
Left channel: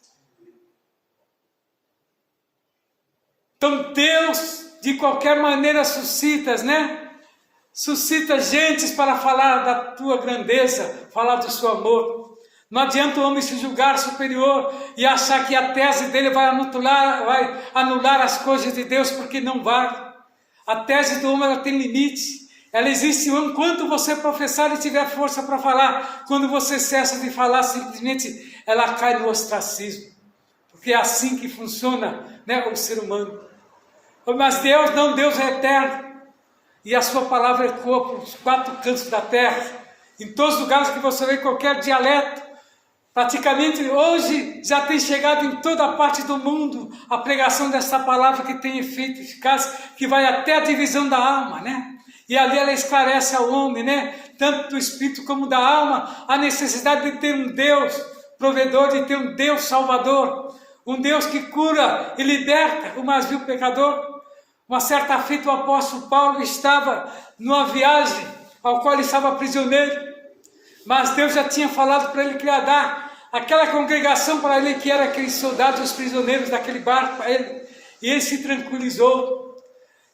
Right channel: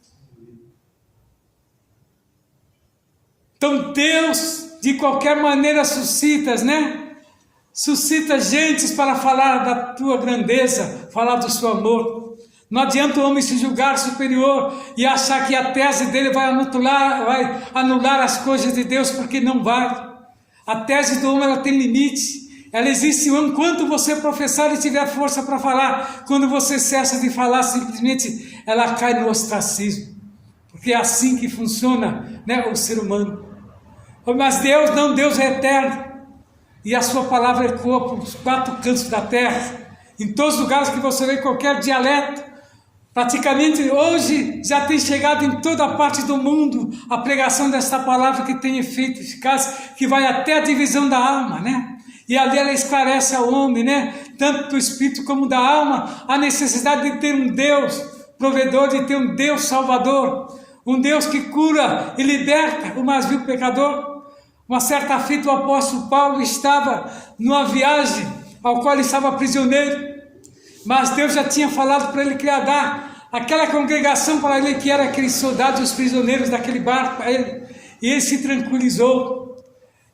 Então Deus, de qualquer maneira, suscita, né? Suscita gentes para falar da tua grandeza, falar do seu amor. Não adianta o homem se julgar superior e achar que a tese dele vai anular as coisas de Deus, porque não vai. A tese do homem ela tem limite. Ela existe enquanto você professar e tiver força para falar. Quando você cessa de falar, simplesmente ela cai no ostracismo. Porque é assim que funciona, né, o ser humano. Mas Deus não, Deus é eterno. E a sua palavra ecoa por os 4 cantos da terra. Em todos os lugares que você vê qualquer dialeto. Praticamente hoje já tem chegado em toda a parte do mundo a pregação desta palavra que tem efeito eficaz, que vai até a divisão da alma, né? E ali ela esclarece ao homem, né? Tanto do espírito como da alma, a necessidade de ter um Deus provedor, de ter um Deus salvador, um Deus que cura e liberta o mais vil pecador. Uma certa feita o apóstolo Paulo estava numa viagem ao qual ele estava prisioneiro. Mas Deus já tinha falado para ele que ia dar aquela congregação para ele, que era aqueles soldados, os prisioneiros daquele barco para ele. E ele se tranquilizou.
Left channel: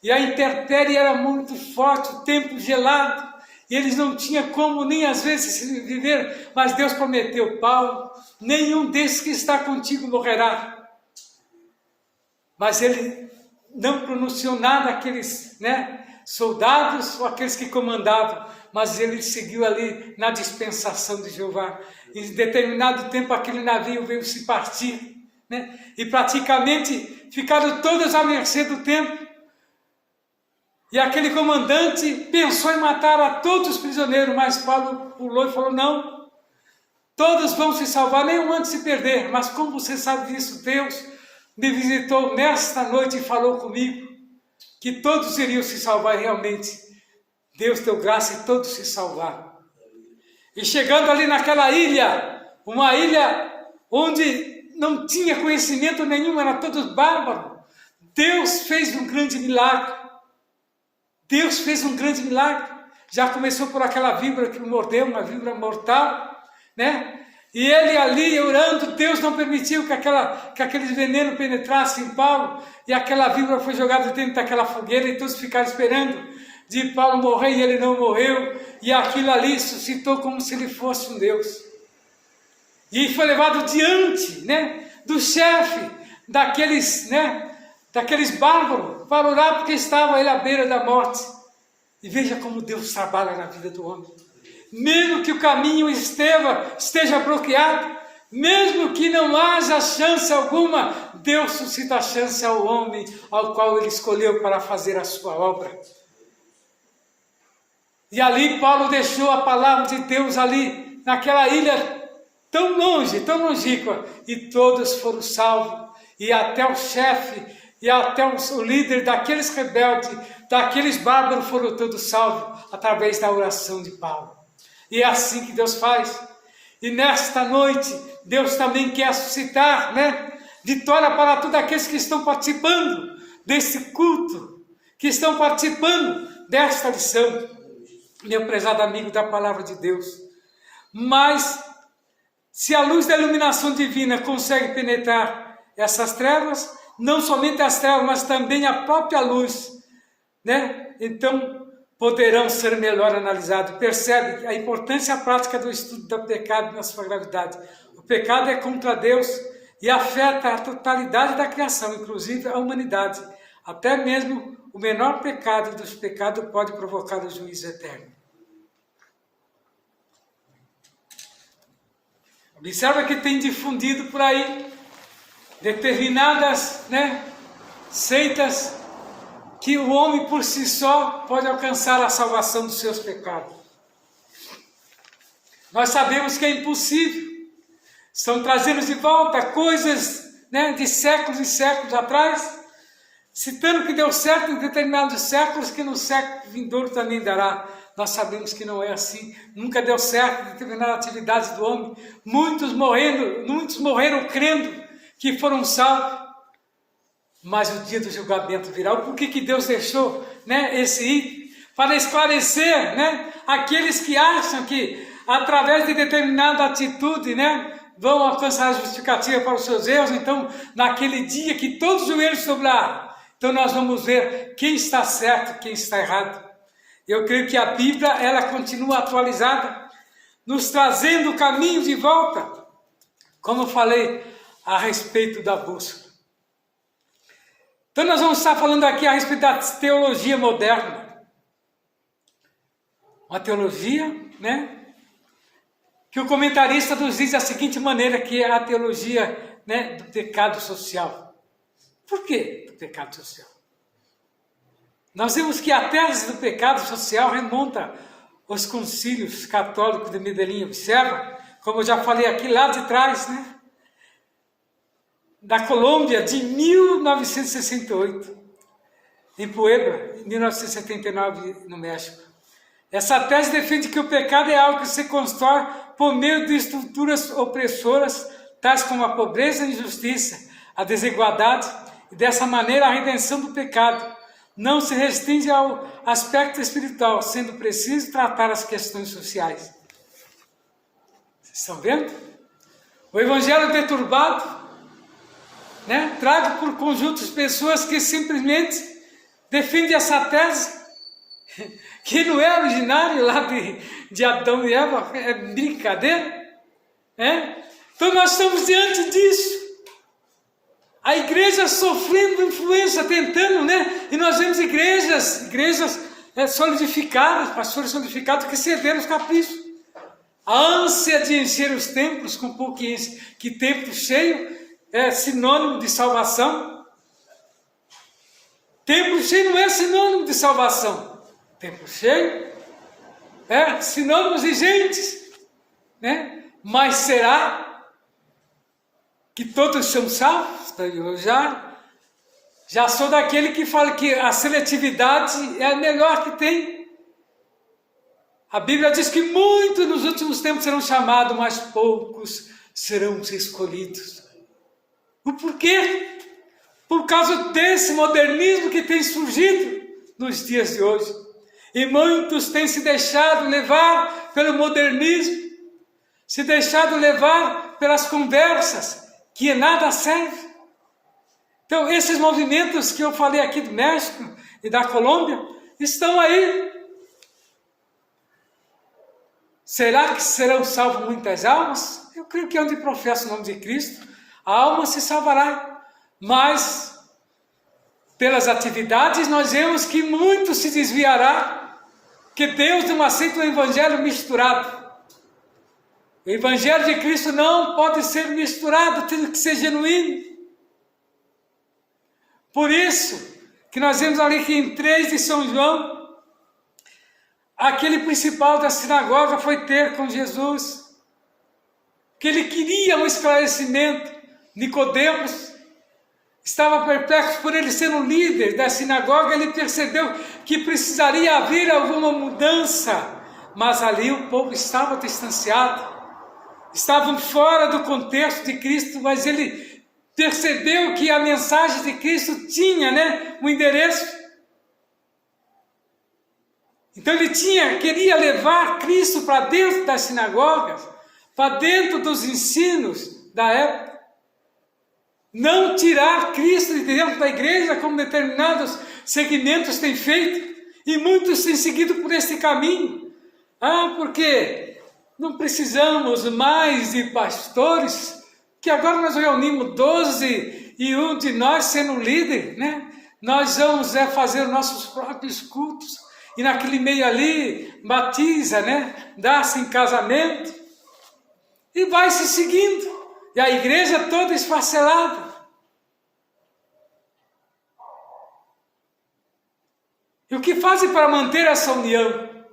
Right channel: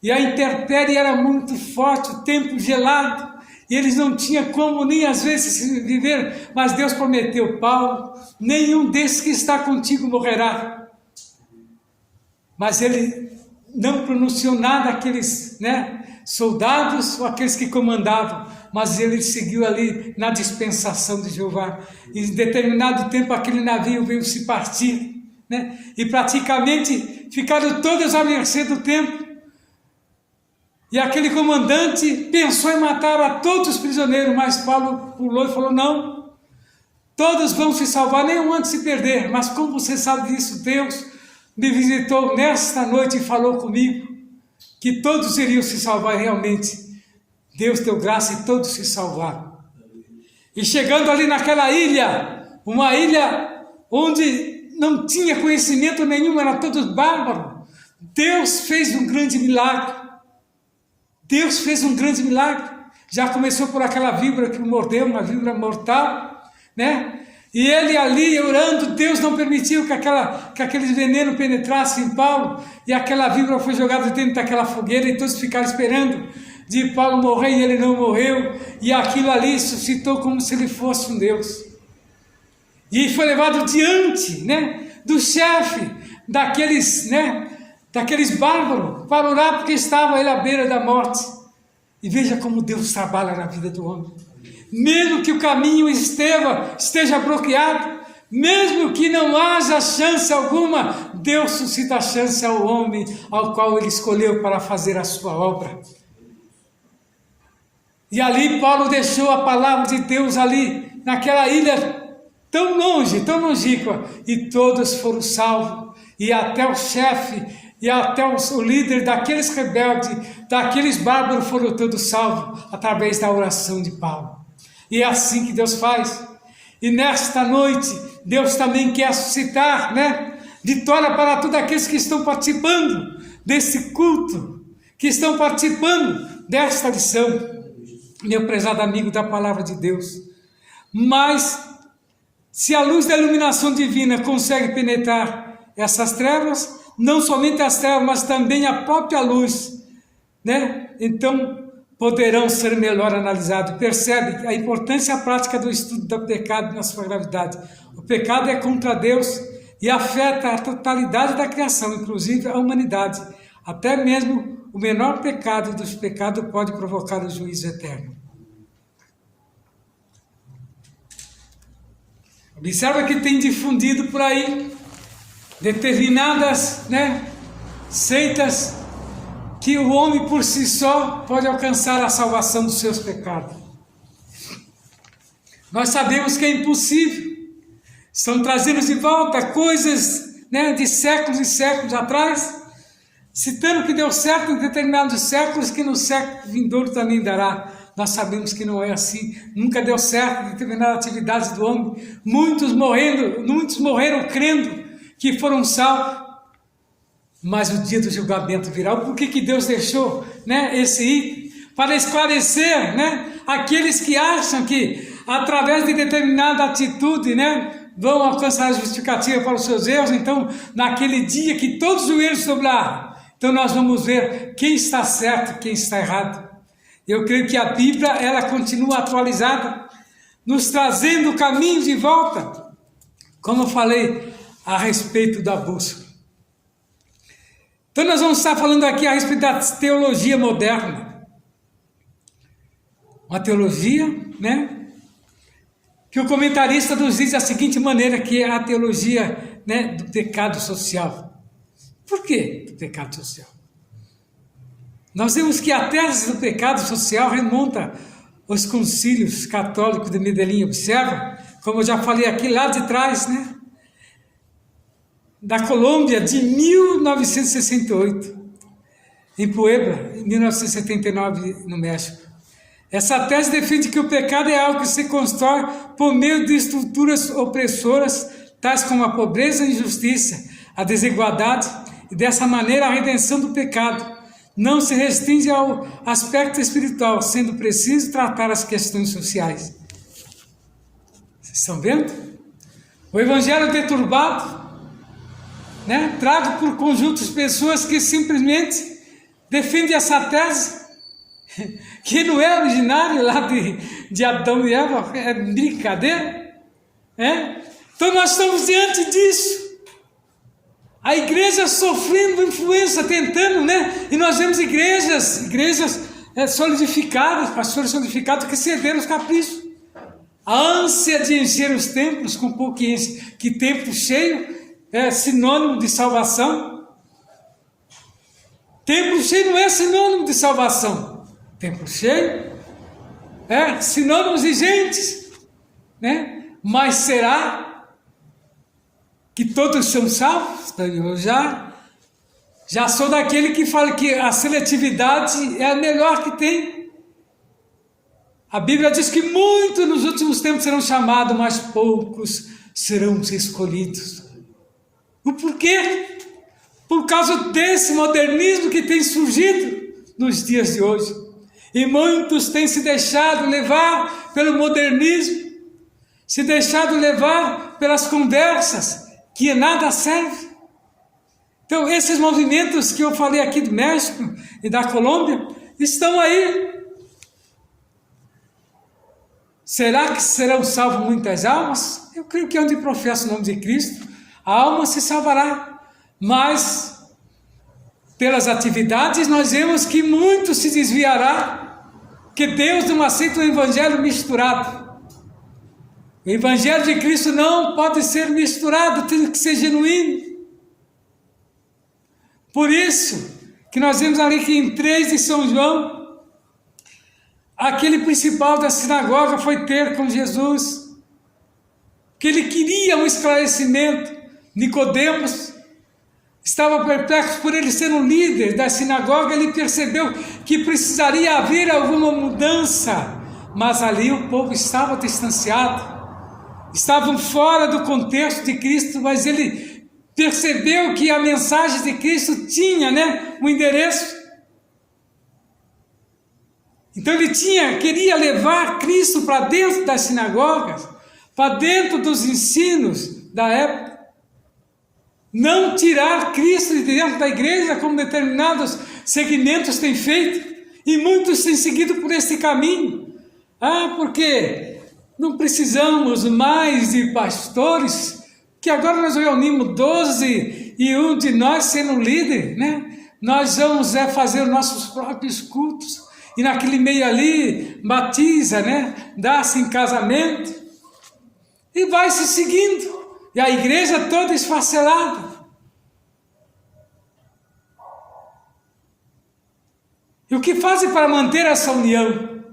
E a intempérie era muito forte, o tempo gelado. E eles não tinham como nem às vezes viver. Mas Deus prometeu, Paulo, nenhum desses que está contigo morrerá. Mas ele não pronunciou nada àqueles, né, soldados ou aqueles que comandavam. Mas ele seguiu ali na dispensação de Jeová. Em determinado tempo aquele navio veio se partir, né? E praticamente ficaram todos à mercê do tempo. E aquele comandante pensou em matar a todos os prisioneiros, mas Paulo pulou e falou, não, todos vão se salvar, nenhum há de se perder. Mas como você sabe disso, Deus me visitou nesta noite e falou comigo que todos iriam se salvar realmente. Deus deu graça e todos se salvaram. E chegando ali naquela ilha, uma ilha onde não tinha conhecimento nenhum, era todos bárbaros, Deus fez um grande milagre. Deus fez um grande milagre. Já começou por aquela víbora que o mordeu, uma víbora mortal, né? E ele ali orando, Deus não permitiu que aquele veneno penetrasse em Paulo, e aquela víbora foi jogada dentro daquela fogueira e todos ficaram esperando de Paulo morrer, e ele não morreu, e aquilo ali suscitou como se ele fosse um Deus. E foi levado diante, né, do chefe daqueles bárbaros, para orar, porque estava ele à beira da morte. E veja como Deus trabalha na vida do homem. Mesmo que o caminho esteja bloqueado, mesmo que não haja chance alguma, Deus suscita a chance ao homem ao qual ele escolheu para fazer a sua obra. E ali Paulo deixou a palavra de Deus ali, naquela ilha tão longe, tão longínqua, e todos foram salvos, e até o chefe, e até o líder daqueles rebeldes, daqueles bárbaros foram todos salvos, através da oração de Paulo. E é assim que Deus faz. E nesta noite, Deus também quer suscitar, né, vitória para todos aqueles que estão participando desse culto, que estão participando desta lição. Meu prezado amigo da palavra de Deus, mas se a luz da iluminação divina consegue penetrar essas trevas, não somente as trevas, mas também a própria luz, né? Então poderão ser melhor analisados. Percebe a importância prática do estudo do pecado na sua gravidade. O pecado é contra Deus e afeta a totalidade da criação, inclusive a humanidade. Até mesmo o menor pecado dos pecados pode provocar o juízo eterno. Observa que tem difundido por aí determinadas, né, seitas que o homem por si só pode alcançar a salvação dos seus pecados. Nós sabemos que é impossível. Estão trazendo de volta coisas, né, de séculos e séculos atrás, citando que deu certo em determinados séculos, que no século vindouro também dará. Nós sabemos que não é assim, nunca deu certo em determinadas atividades do homem. Muitos morreram crendo que foram salvos, mas o dia do julgamento virá. Por que Deus deixou, né, esse item? Para esclarecer, né, aqueles que acham que através de determinada atitude, né, vão alcançar a justificativa para os seus erros. Então, naquele dia que todos os joelhos se dobrar, então nós vamos ver quem está certo e quem está errado. Eu creio que a Bíblia, ela continua atualizada. nos trazendo o caminho de volta, como eu falei a respeito da bússola. Então nós vamos estar falando aqui a respeito da teologia moderna. Uma teologia, né, que o comentarista nos diz da seguinte maneira, que é a teologia, né, do pecado social. Por que do pecado social? Nós vemos que a tese do pecado social remonta aos concílios católicos de Medellín. Observa, como eu já falei aqui lá de trás, né, da Colômbia, de 1968, em Puebla, em 1979, no México. Essa tese defende que o pecado é algo que se constrói por meio de estruturas opressoras, tais como a pobreza, a injustiça, a desigualdade, e dessa maneira a redenção do pecado não se restringe ao aspecto espiritual, sendo preciso tratar as questões sociais. Vocês estão vendo? O evangelho deturbado, né, trago por conjuntos de pessoas que simplesmente defendem essa tese, que não é originário lá de Adão e Eva, é brincadeira, né? Então nós estamos diante disso. A igreja sofrendo influência, tentando, né? E nós vemos igrejas solidificadas, pastores solidificados que cederam os caprichos. A ânsia de encher os templos com pouco que templo cheio é sinônimo de salvação. Templo cheio não é sinônimo de salvação. Templo cheio é sinônimo de gente, né? Mas será que todos são salvos? Eu já sou daquele que fala que a seletividade é a melhor que tem. A Bíblia diz que muitos nos últimos tempos serão chamados, mas poucos serão escolhidos. O porquê? Por causa desse modernismo que tem surgido nos dias de hoje. E muitos têm se deixado levar pelo modernismo, se deixado levar pelas conversas, que nada serve. Então, esses movimentos que eu falei aqui do México e da Colômbia, estão aí. Será que serão salvas muitas almas? Eu creio que onde professa o nome de Cristo, a alma se salvará. Mas, pelas atividades, nós vemos que muito se desviará, que Deus não aceita o evangelho misturado. O evangelho de Cristo não pode ser misturado, tem que ser genuíno. Por isso que nós vemos ali que em 3 de São João, aquele principal da sinagoga foi ter com Jesus, que ele queria um esclarecimento. Nicodemos estava perplexo por ele ser um líder da sinagoga, ele percebeu que precisaria haver alguma mudança, mas ali o povo estava distanciado, estavam fora do contexto de Cristo, mas ele percebeu que a mensagem de Cristo tinha, né, um endereço. Então ele queria levar Cristo para dentro das sinagogas, para dentro dos ensinos da época. Não tirar Cristo de dentro da igreja, como determinados segmentos têm feito, e muitos têm seguido por esse caminho. Porque não precisamos mais de pastores, que agora nós reunimos 12 e um de nós sendo líder, né? Nós vamos fazer nossos próprios cultos, e naquele meio ali, batiza, né? Dá-se em casamento, e vai se seguindo. E a igreja toda esfacelada. E o que fazem para manter essa união?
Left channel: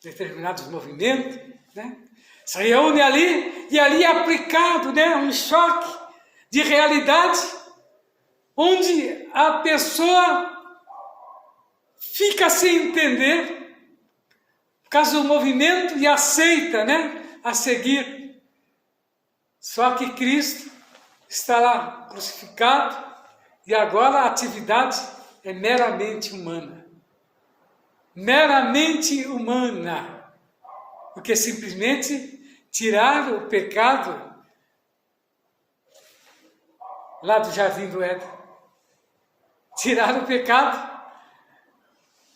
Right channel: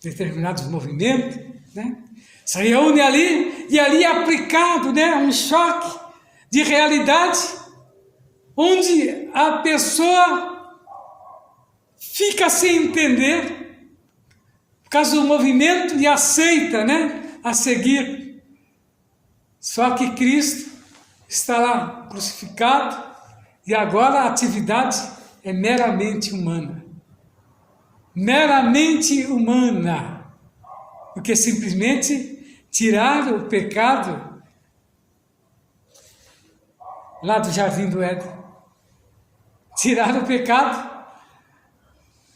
Determinados movimentos, né? Se reúne ali, e ali é aplicado, né, um choque de realidade, onde a pessoa fica sem entender, por causa do movimento, e aceita, né, a seguir. Só que Cristo está lá crucificado, e agora a atividade é meramente humana. Meramente humana. Porque simplesmente tiraram o pecado lá do Jardim do Éden. Tiraram o pecado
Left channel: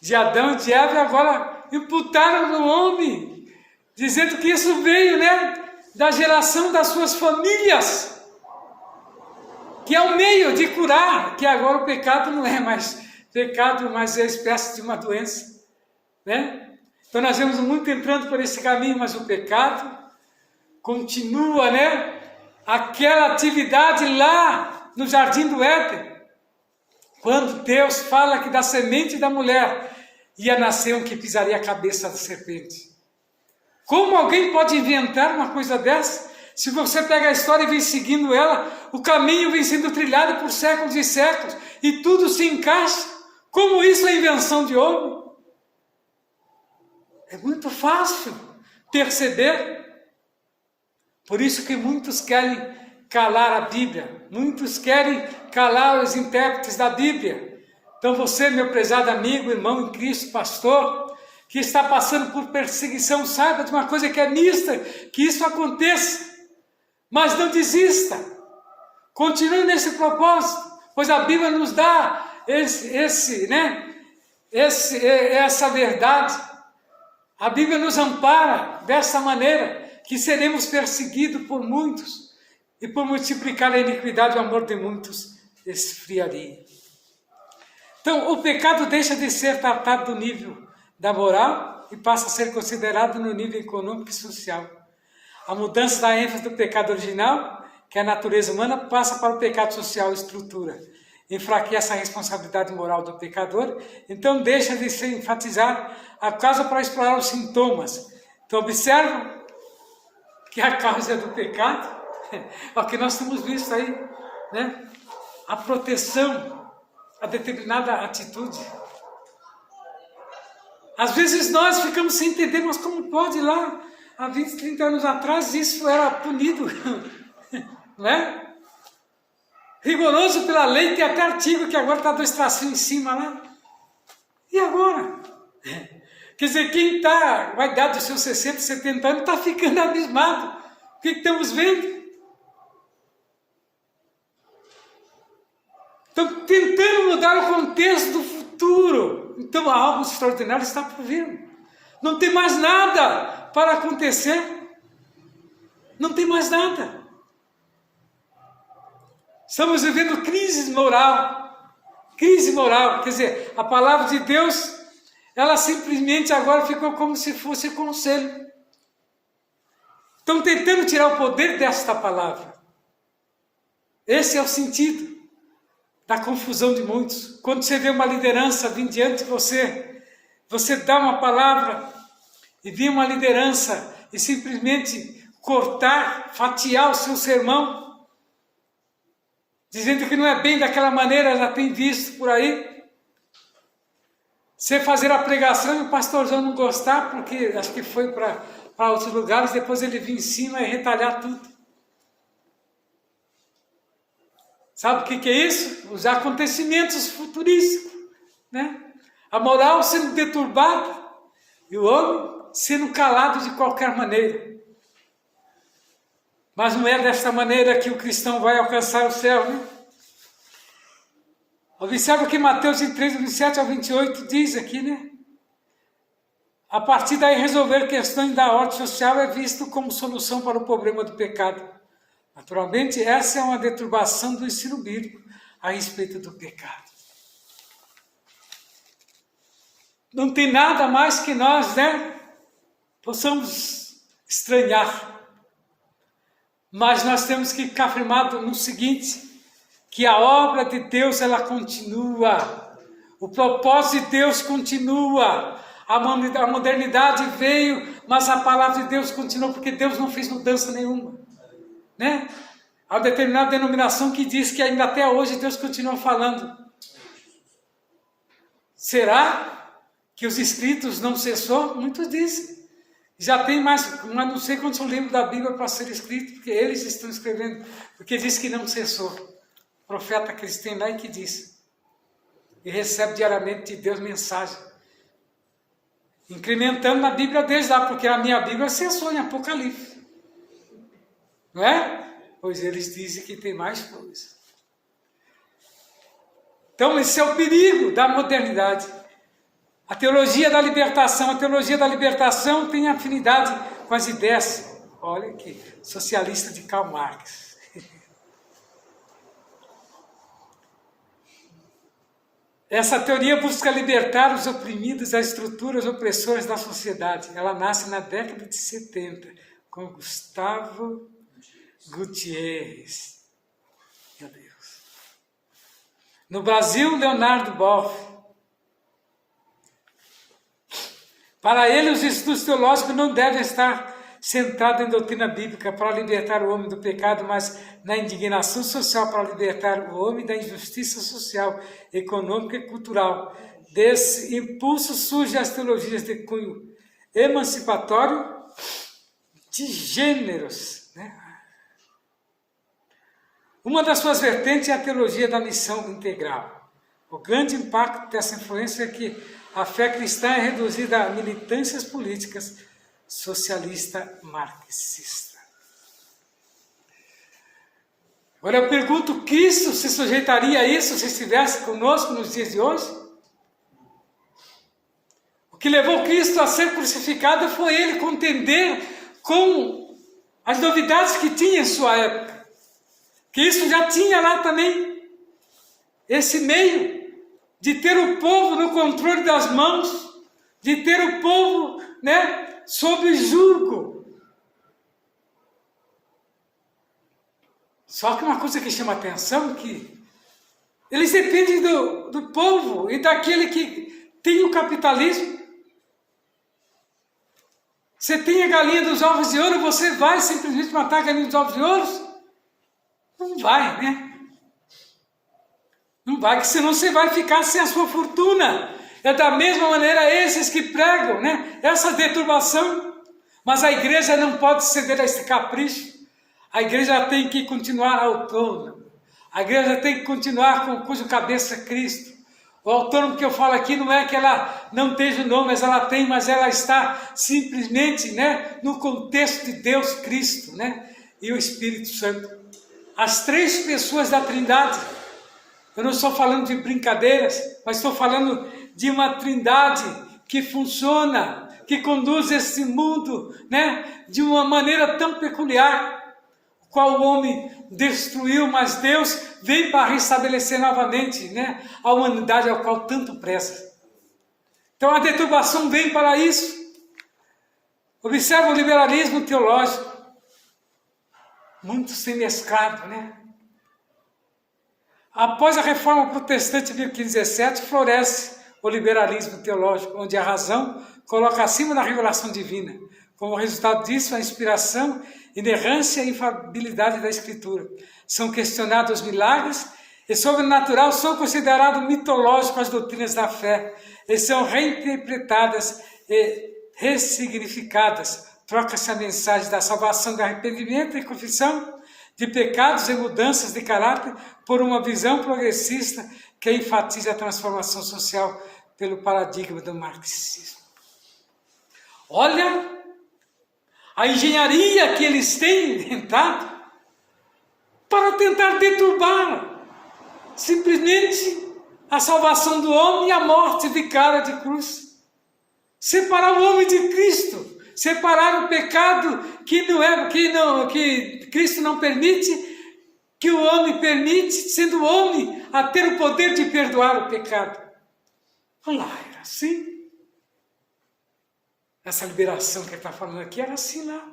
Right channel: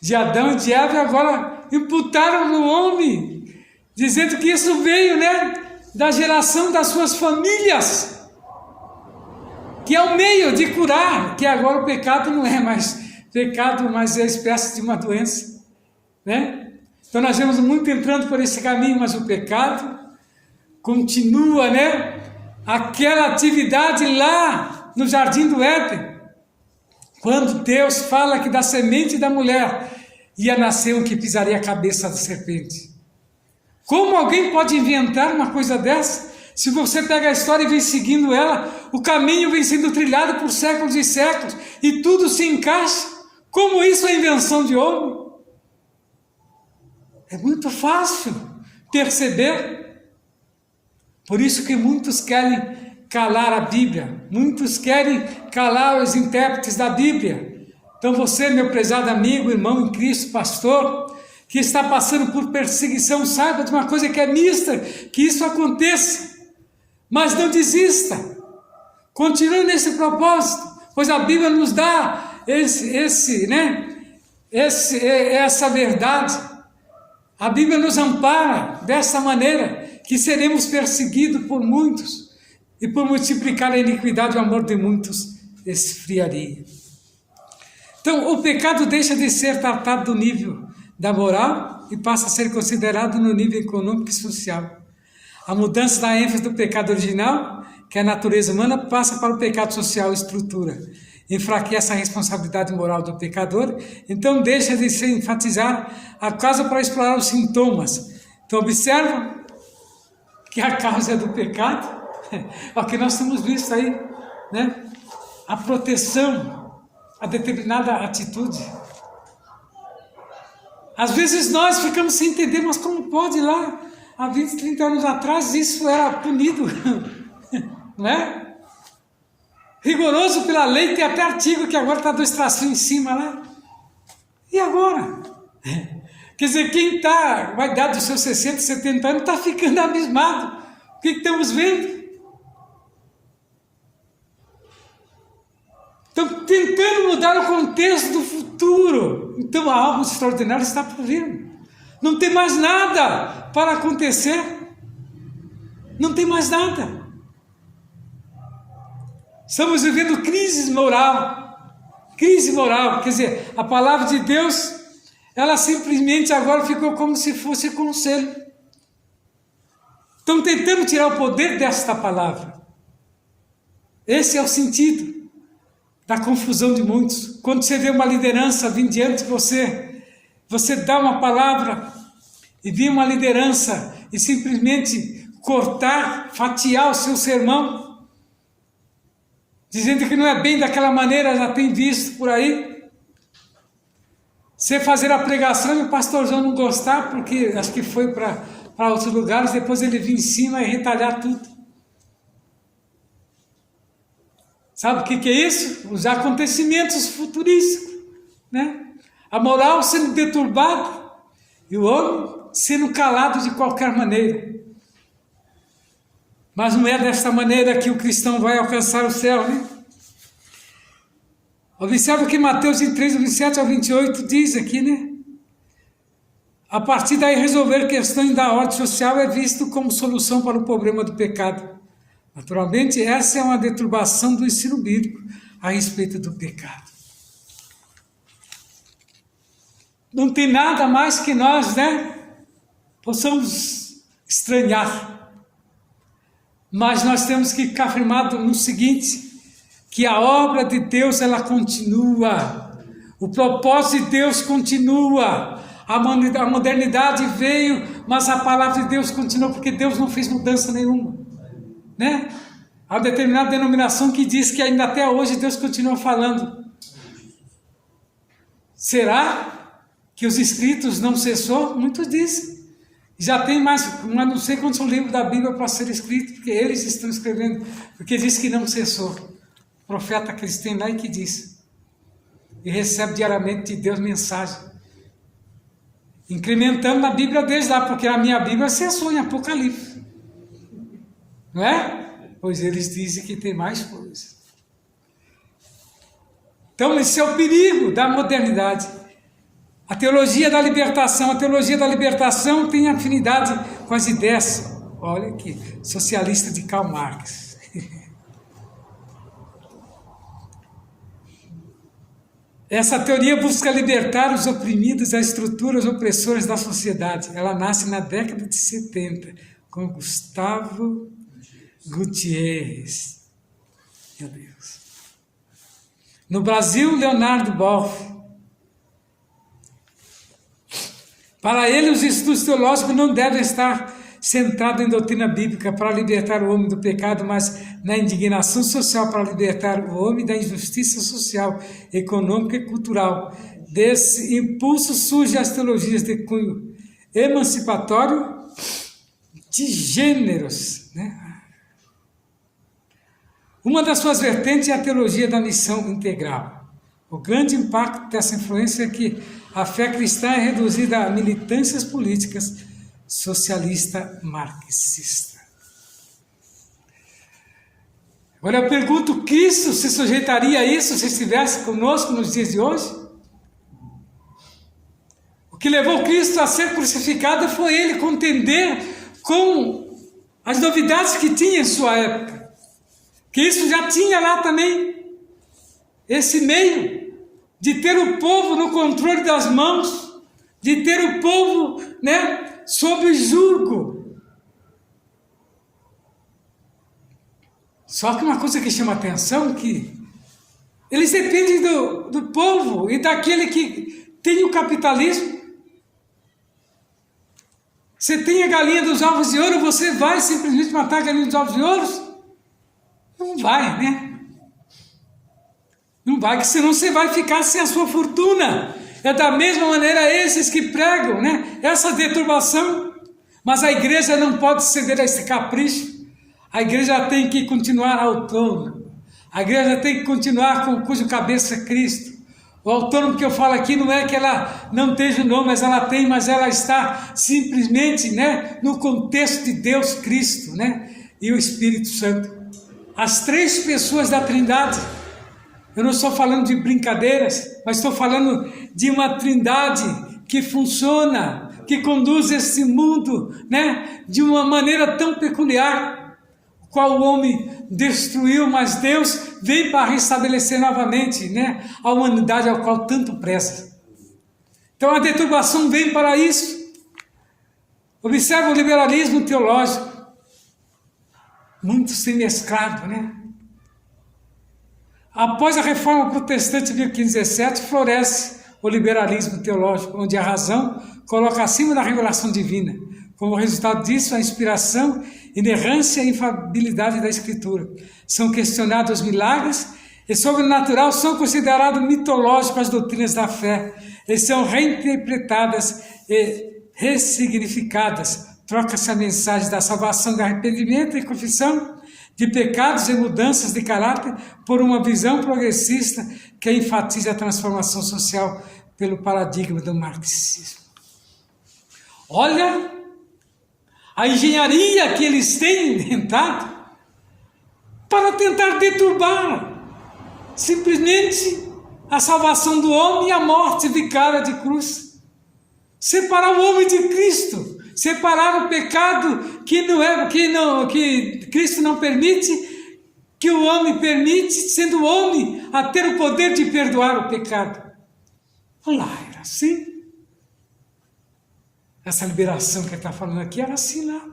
de Adão e de Eva, e agora imputaram no homem dizendo que isso veio, né, da geração das suas famílias, que é o meio de curar, que agora o pecado não é mais pecado, mas é a espécie de uma doença, né? Então nós vemos muito entrando por esse caminho, mas o pecado continua, né? Aquela atividade lá no Jardim do Éden, quando Deus fala que da semente da mulher ia nascer um que pisaria a cabeça da serpente. Como alguém pode inventar uma coisa dessa? Se você pega a história e vem seguindo ela, o caminho vem sendo trilhado por séculos e séculos, e tudo se encaixa. Como isso é invenção de homem? É muito fácil perceber. Por isso que muitos querem calar a Bíblia, muitos querem calar os intérpretes da Bíblia. Então você, meu prezado amigo, irmão em Cristo, pastor, que está passando por perseguição, saiba de uma coisa que é mista, que isso aconteça, mas não desista, continue nesse propósito, pois a Bíblia nos dá essa verdade. A Bíblia nos ampara dessa maneira, que seremos perseguidos por muitos, e por multiplicar a iniquidade, o amor de muitos esfriaria. Então, o pecado deixa de ser tratado do nível da moral e passa a ser considerado no nível econômico e social. A mudança da ênfase do pecado original, que é a natureza humana, passa para o pecado social, estrutura. Enfraquece a responsabilidade moral do pecador, então deixa de se enfatizar a causa para explorar os sintomas. Então, observa que a causa é do pecado. O que nós temos visto aí, né? A proteção a determinada atitude. Às vezes nós ficamos sem entender, mas como pode lá, há 20, 30 anos atrás, isso era punido, não é? Rigoroso pela lei, tem até artigo que agora está 2 tracinhos em cima lá. E agora? Quer dizer, quem está com a idade dos seus 60, 70 anos está ficando abismado. O que estamos vendo? Estão tentando mudar o contexto do futuro. Então algo extraordinário está por vir. Não tem mais nada para acontecer. Não tem mais nada. Estamos vivendo crise moral. Crise moral. Quer dizer, a palavra de Deus, ela simplesmente agora ficou como se fosse conselho. Estão tentando tirar o poder desta palavra. Esse é o sentido da confusão de muitos. Quando você vê uma liderança vir diante de você, você dá uma palavra e vir uma liderança e simplesmente cortar, fatiar o seu sermão, dizendo que não é bem daquela maneira, já tem visto por aí. Você fazer a pregação e o pastorzão não gostar, porque acho que foi para outros lugares, depois ele vir em cima e retalhar tudo. Sabe o que é isso? Os acontecimentos futurísticos, né? A moral sendo deturbada e o homem sendo calado de qualquer maneira. Mas não é dessa maneira que o cristão vai alcançar o céu, né? Observa que Mateus 3, 27 a 28 diz aqui, né? A partir daí resolver questões da ordem social é visto como solução para o problema do pecado. Naturalmente, essa é uma deturbação do ensino bíblico a respeito do pecado. Não tem nada mais que nós, né, possamos estranhar. Mas nós temos que ficar firmado no seguinte, que a obra de Deus, ela continua. O propósito de Deus continua. A modernidade veio, mas a palavra de Deus continua, porque Deus não fez mudança nenhuma. Né? Há uma determinada denominação que diz que ainda até hoje Deus continua falando. Será que os escritos não cessou? Muitos dizem. Já tem mais, mas não sei quantos livros da Bíblia para ser escrito, porque eles estão escrevendo, porque diz que não cessou. O profeta que eles têm lá e que diz. E recebe diariamente de Deus mensagem. Incrementando na Bíblia deles lá, porque a minha Bíblia cessou em Apocalipse. Não é? Pois eles dizem que tem mais coisa. Então, esse é o perigo da modernidade. A teologia da libertação tem afinidade com as ideias, olha aqui, socialista de Karl Marx. Essa teoria busca libertar os oprimidos das estruturas opressoras da sociedade. Ela nasce na década de 70, com Gustavo Gutierrez. Meu Deus. No Brasil, Leonardo Boff. Para ele, os estudos teológicos não devem estar centrados em doutrina bíblica para libertar o homem do pecado, mas na indignação social para libertar o homem da injustiça social, econômica e cultural. Desse impulso surgem as teologias de cunho emancipatório de gêneros, né? Uma das suas vertentes é a teologia da missão integral. O grande impacto dessa influência é que a fé cristã é reduzida a militâncias políticas socialista marxista. Agora eu pergunto, Cristo se sujeitaria a isso se estivesse conosco nos dias de hoje? O que levou Cristo a ser crucificado foi ele contender com as novidades que tinha em sua época. Cristo já tinha lá também esse meio de ter o povo no controle das mãos, de ter o povo, né, sob julgo. Só que uma coisa que chama atenção é que eles dependem do povo e daquele que tem o capitalismo. Você tem a galinha dos ovos de ouro, você vai simplesmente matar a galinha dos ovos de ouro? Não vai, né? Não vai, que senão você vai ficar sem a sua fortuna. É da mesma maneira esses que pregam, né, essa deturbação. Mas a igreja não pode ceder a esse capricho. A igreja tem que continuar autônoma. A igreja tem que continuar com cujo cabeça é Cristo. O autônomo que eu falo aqui não é que ela não esteja o nome, mas ela está simplesmente, né, no contexto de Deus, Cristo, né, e o Espírito Santo. As três pessoas da Trindade. Eu não estou falando de brincadeiras, mas estou falando de uma trindade que funciona, que conduz esse mundo, né, de uma maneira tão peculiar, qual o homem destruiu, mas Deus vem para restabelecer novamente, né, a humanidade ao qual tanto preza. Então a deturbação vem para isso. Observa o liberalismo teológico, muito semescrado, né? Após a reforma protestante de 1517, floresce o liberalismo teológico, onde a razão coloca acima da revelação divina. Como resultado disso, a inspiração, inerrância e infalibilidade da Escritura. São questionados os milagres e sobrenatural são considerados mitológicos as doutrinas da fé e são reinterpretadas e ressignificadas. Troca-se a mensagem da salvação, do arrependimento e confissão de pecados e mudanças de caráter por uma visão progressista que enfatiza a transformação social pelo paradigma do marxismo. Olha a engenharia que eles têm inventado para tentar deturbar simplesmente a salvação do homem e a morte vicária de cruz. Separar o homem de Cristo. Separar o pecado que Cristo não permite, que o homem permite, sendo o homem a ter o poder de perdoar o pecado. Lá era assim. Essa liberação que ele está falando aqui era assim lá.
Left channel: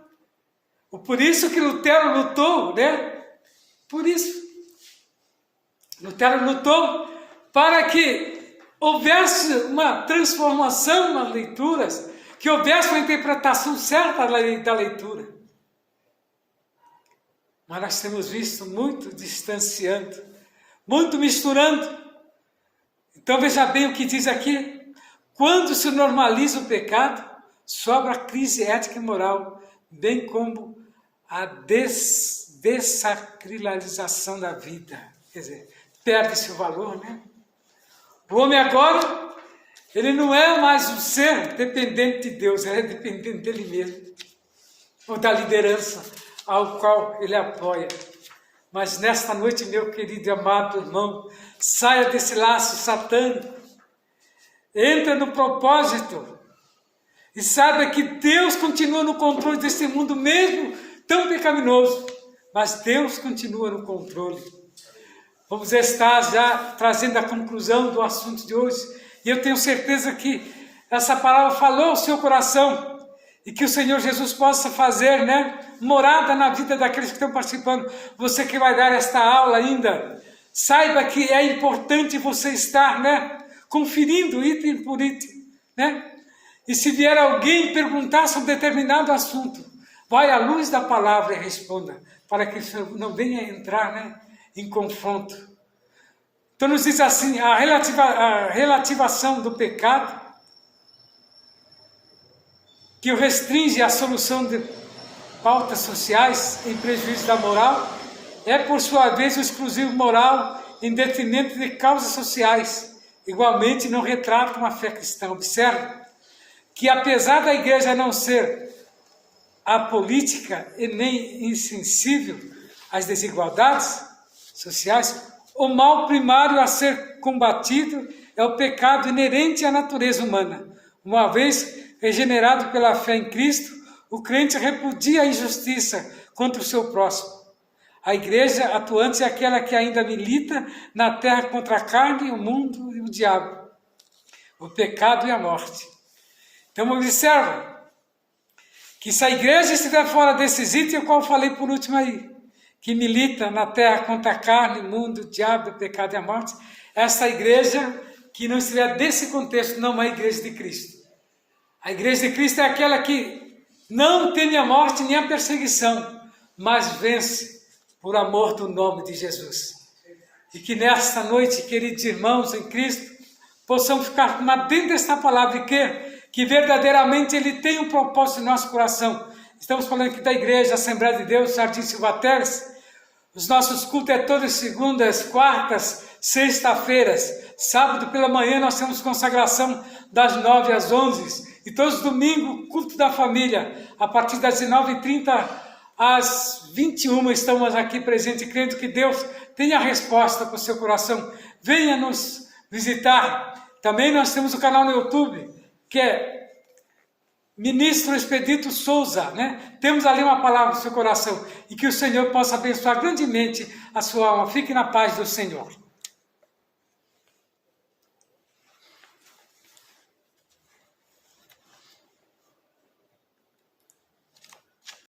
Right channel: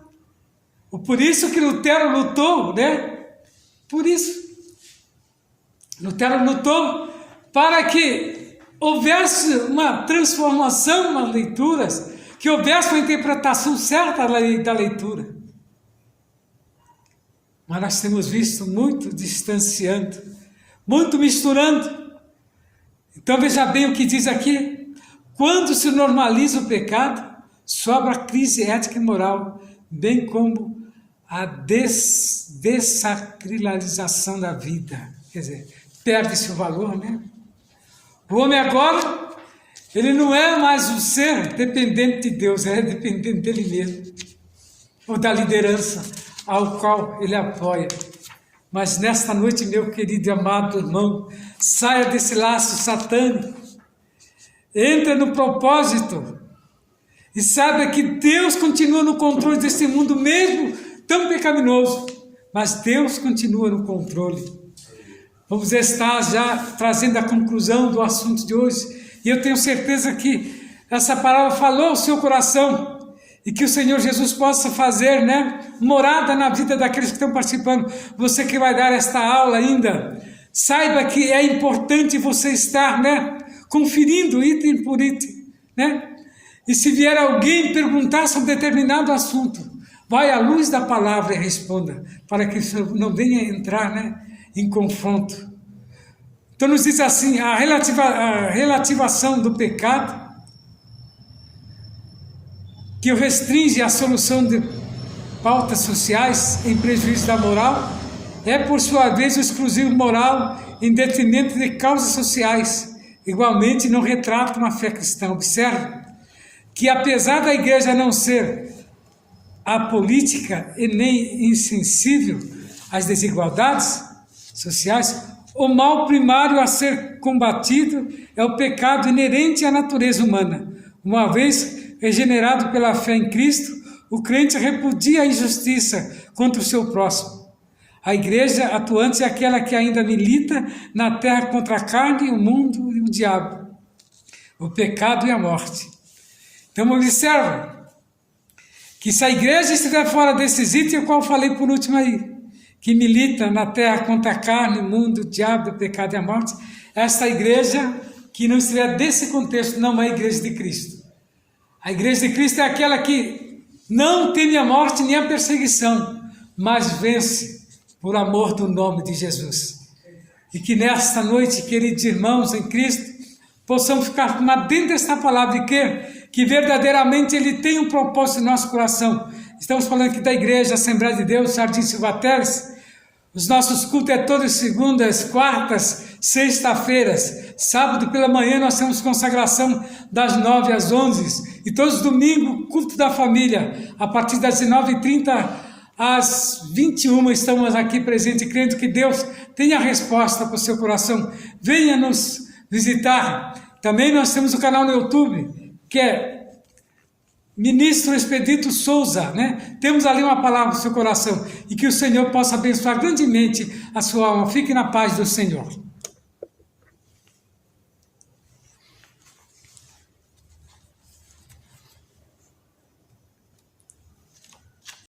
Por isso que Lutero lutou, né? Por isso. Lutero lutou para que houvesse uma transformação nas leituras, que houvesse uma interpretação certa da leitura. Mas nós temos visto muito distanciando, muito misturando. Então veja bem o que diz aqui. Quando se normaliza o pecado, sobra a crise ética e moral, bem como a dessacralização da vida. Quer dizer, perde-se o valor, né? O homem agora, ele não é mais um ser dependente de Deus, ele é dependente dele mesmo, ou da liderança ao qual ele apoia. Mas nesta noite, meu querido e amado irmão, saia desse laço satânico, entra no propósito E saiba que Deus continua no controle desse mundo mesmo tão pecaminoso. Mas Deus continua no controle. Vamos estar já trazendo a conclusão do assunto de hoje. E eu tenho certeza que essa palavra falou ao seu coração. E que o Senhor Jesus possa fazer, morada na vida daqueles que estão participando. Você que vai dar esta aula ainda, saiba que é importante você estar, conferindo item por item, E se vier alguém perguntar sobre determinado assunto, vai à luz da palavra e responda, para que não venha entrar, em confronto. Então nos diz assim, a relativação do pecado, que o restringe à solução de pautas sociais em prejuízo da moral, é por sua vez o exclusivo moral em detrimento de causas sociais. Igualmente não retrata uma fé cristã. Observe que apesar da igreja não ser apolítica e nem insensível às desigualdades sociais, o mal primário a ser combatido é o pecado inerente à natureza humana. Uma vez regenerado pela fé em Cristo, o crente repudia a injustiça contra o seu próximo. A igreja atuante é aquela que ainda milita na terra contra a carne, o mundo e o diabo, o pecado e a morte. Então observa que se a igreja estiver fora desses itens, qual eu falei por último aí, que milita na terra contra a carne, o mundo, o diabo, o pecado e a morte, essa igreja que não estiver desse contexto não é a igreja de Cristo. A igreja de Cristo é aquela que não teme a morte nem a perseguição, mas vence por amor do nome de Jesus. E que nesta noite, queridos irmãos em Cristo, possamos ficar dentro desta palavra e que verdadeiramente Ele tem um propósito no nosso coração. Estamos falando aqui da Igreja Assembleia de Deus, Jardim Silva Teles. Os nossos cultos é todas segundas, quartas, sexta-feiras. Sábado pela manhã nós temos consagração das 9 às 11. E todos os domingos, culto da família. A partir das 19h30 às 21 estamos aqui presentes, crendo que Deus tenha a resposta para o seu coração. Venha nos visitar. Também nós temos o canal no YouTube, que é Ministro Expedito Souza, Temos ali uma palavra no seu coração e que o Senhor possa abençoar grandemente a sua alma. Fique na paz do Senhor.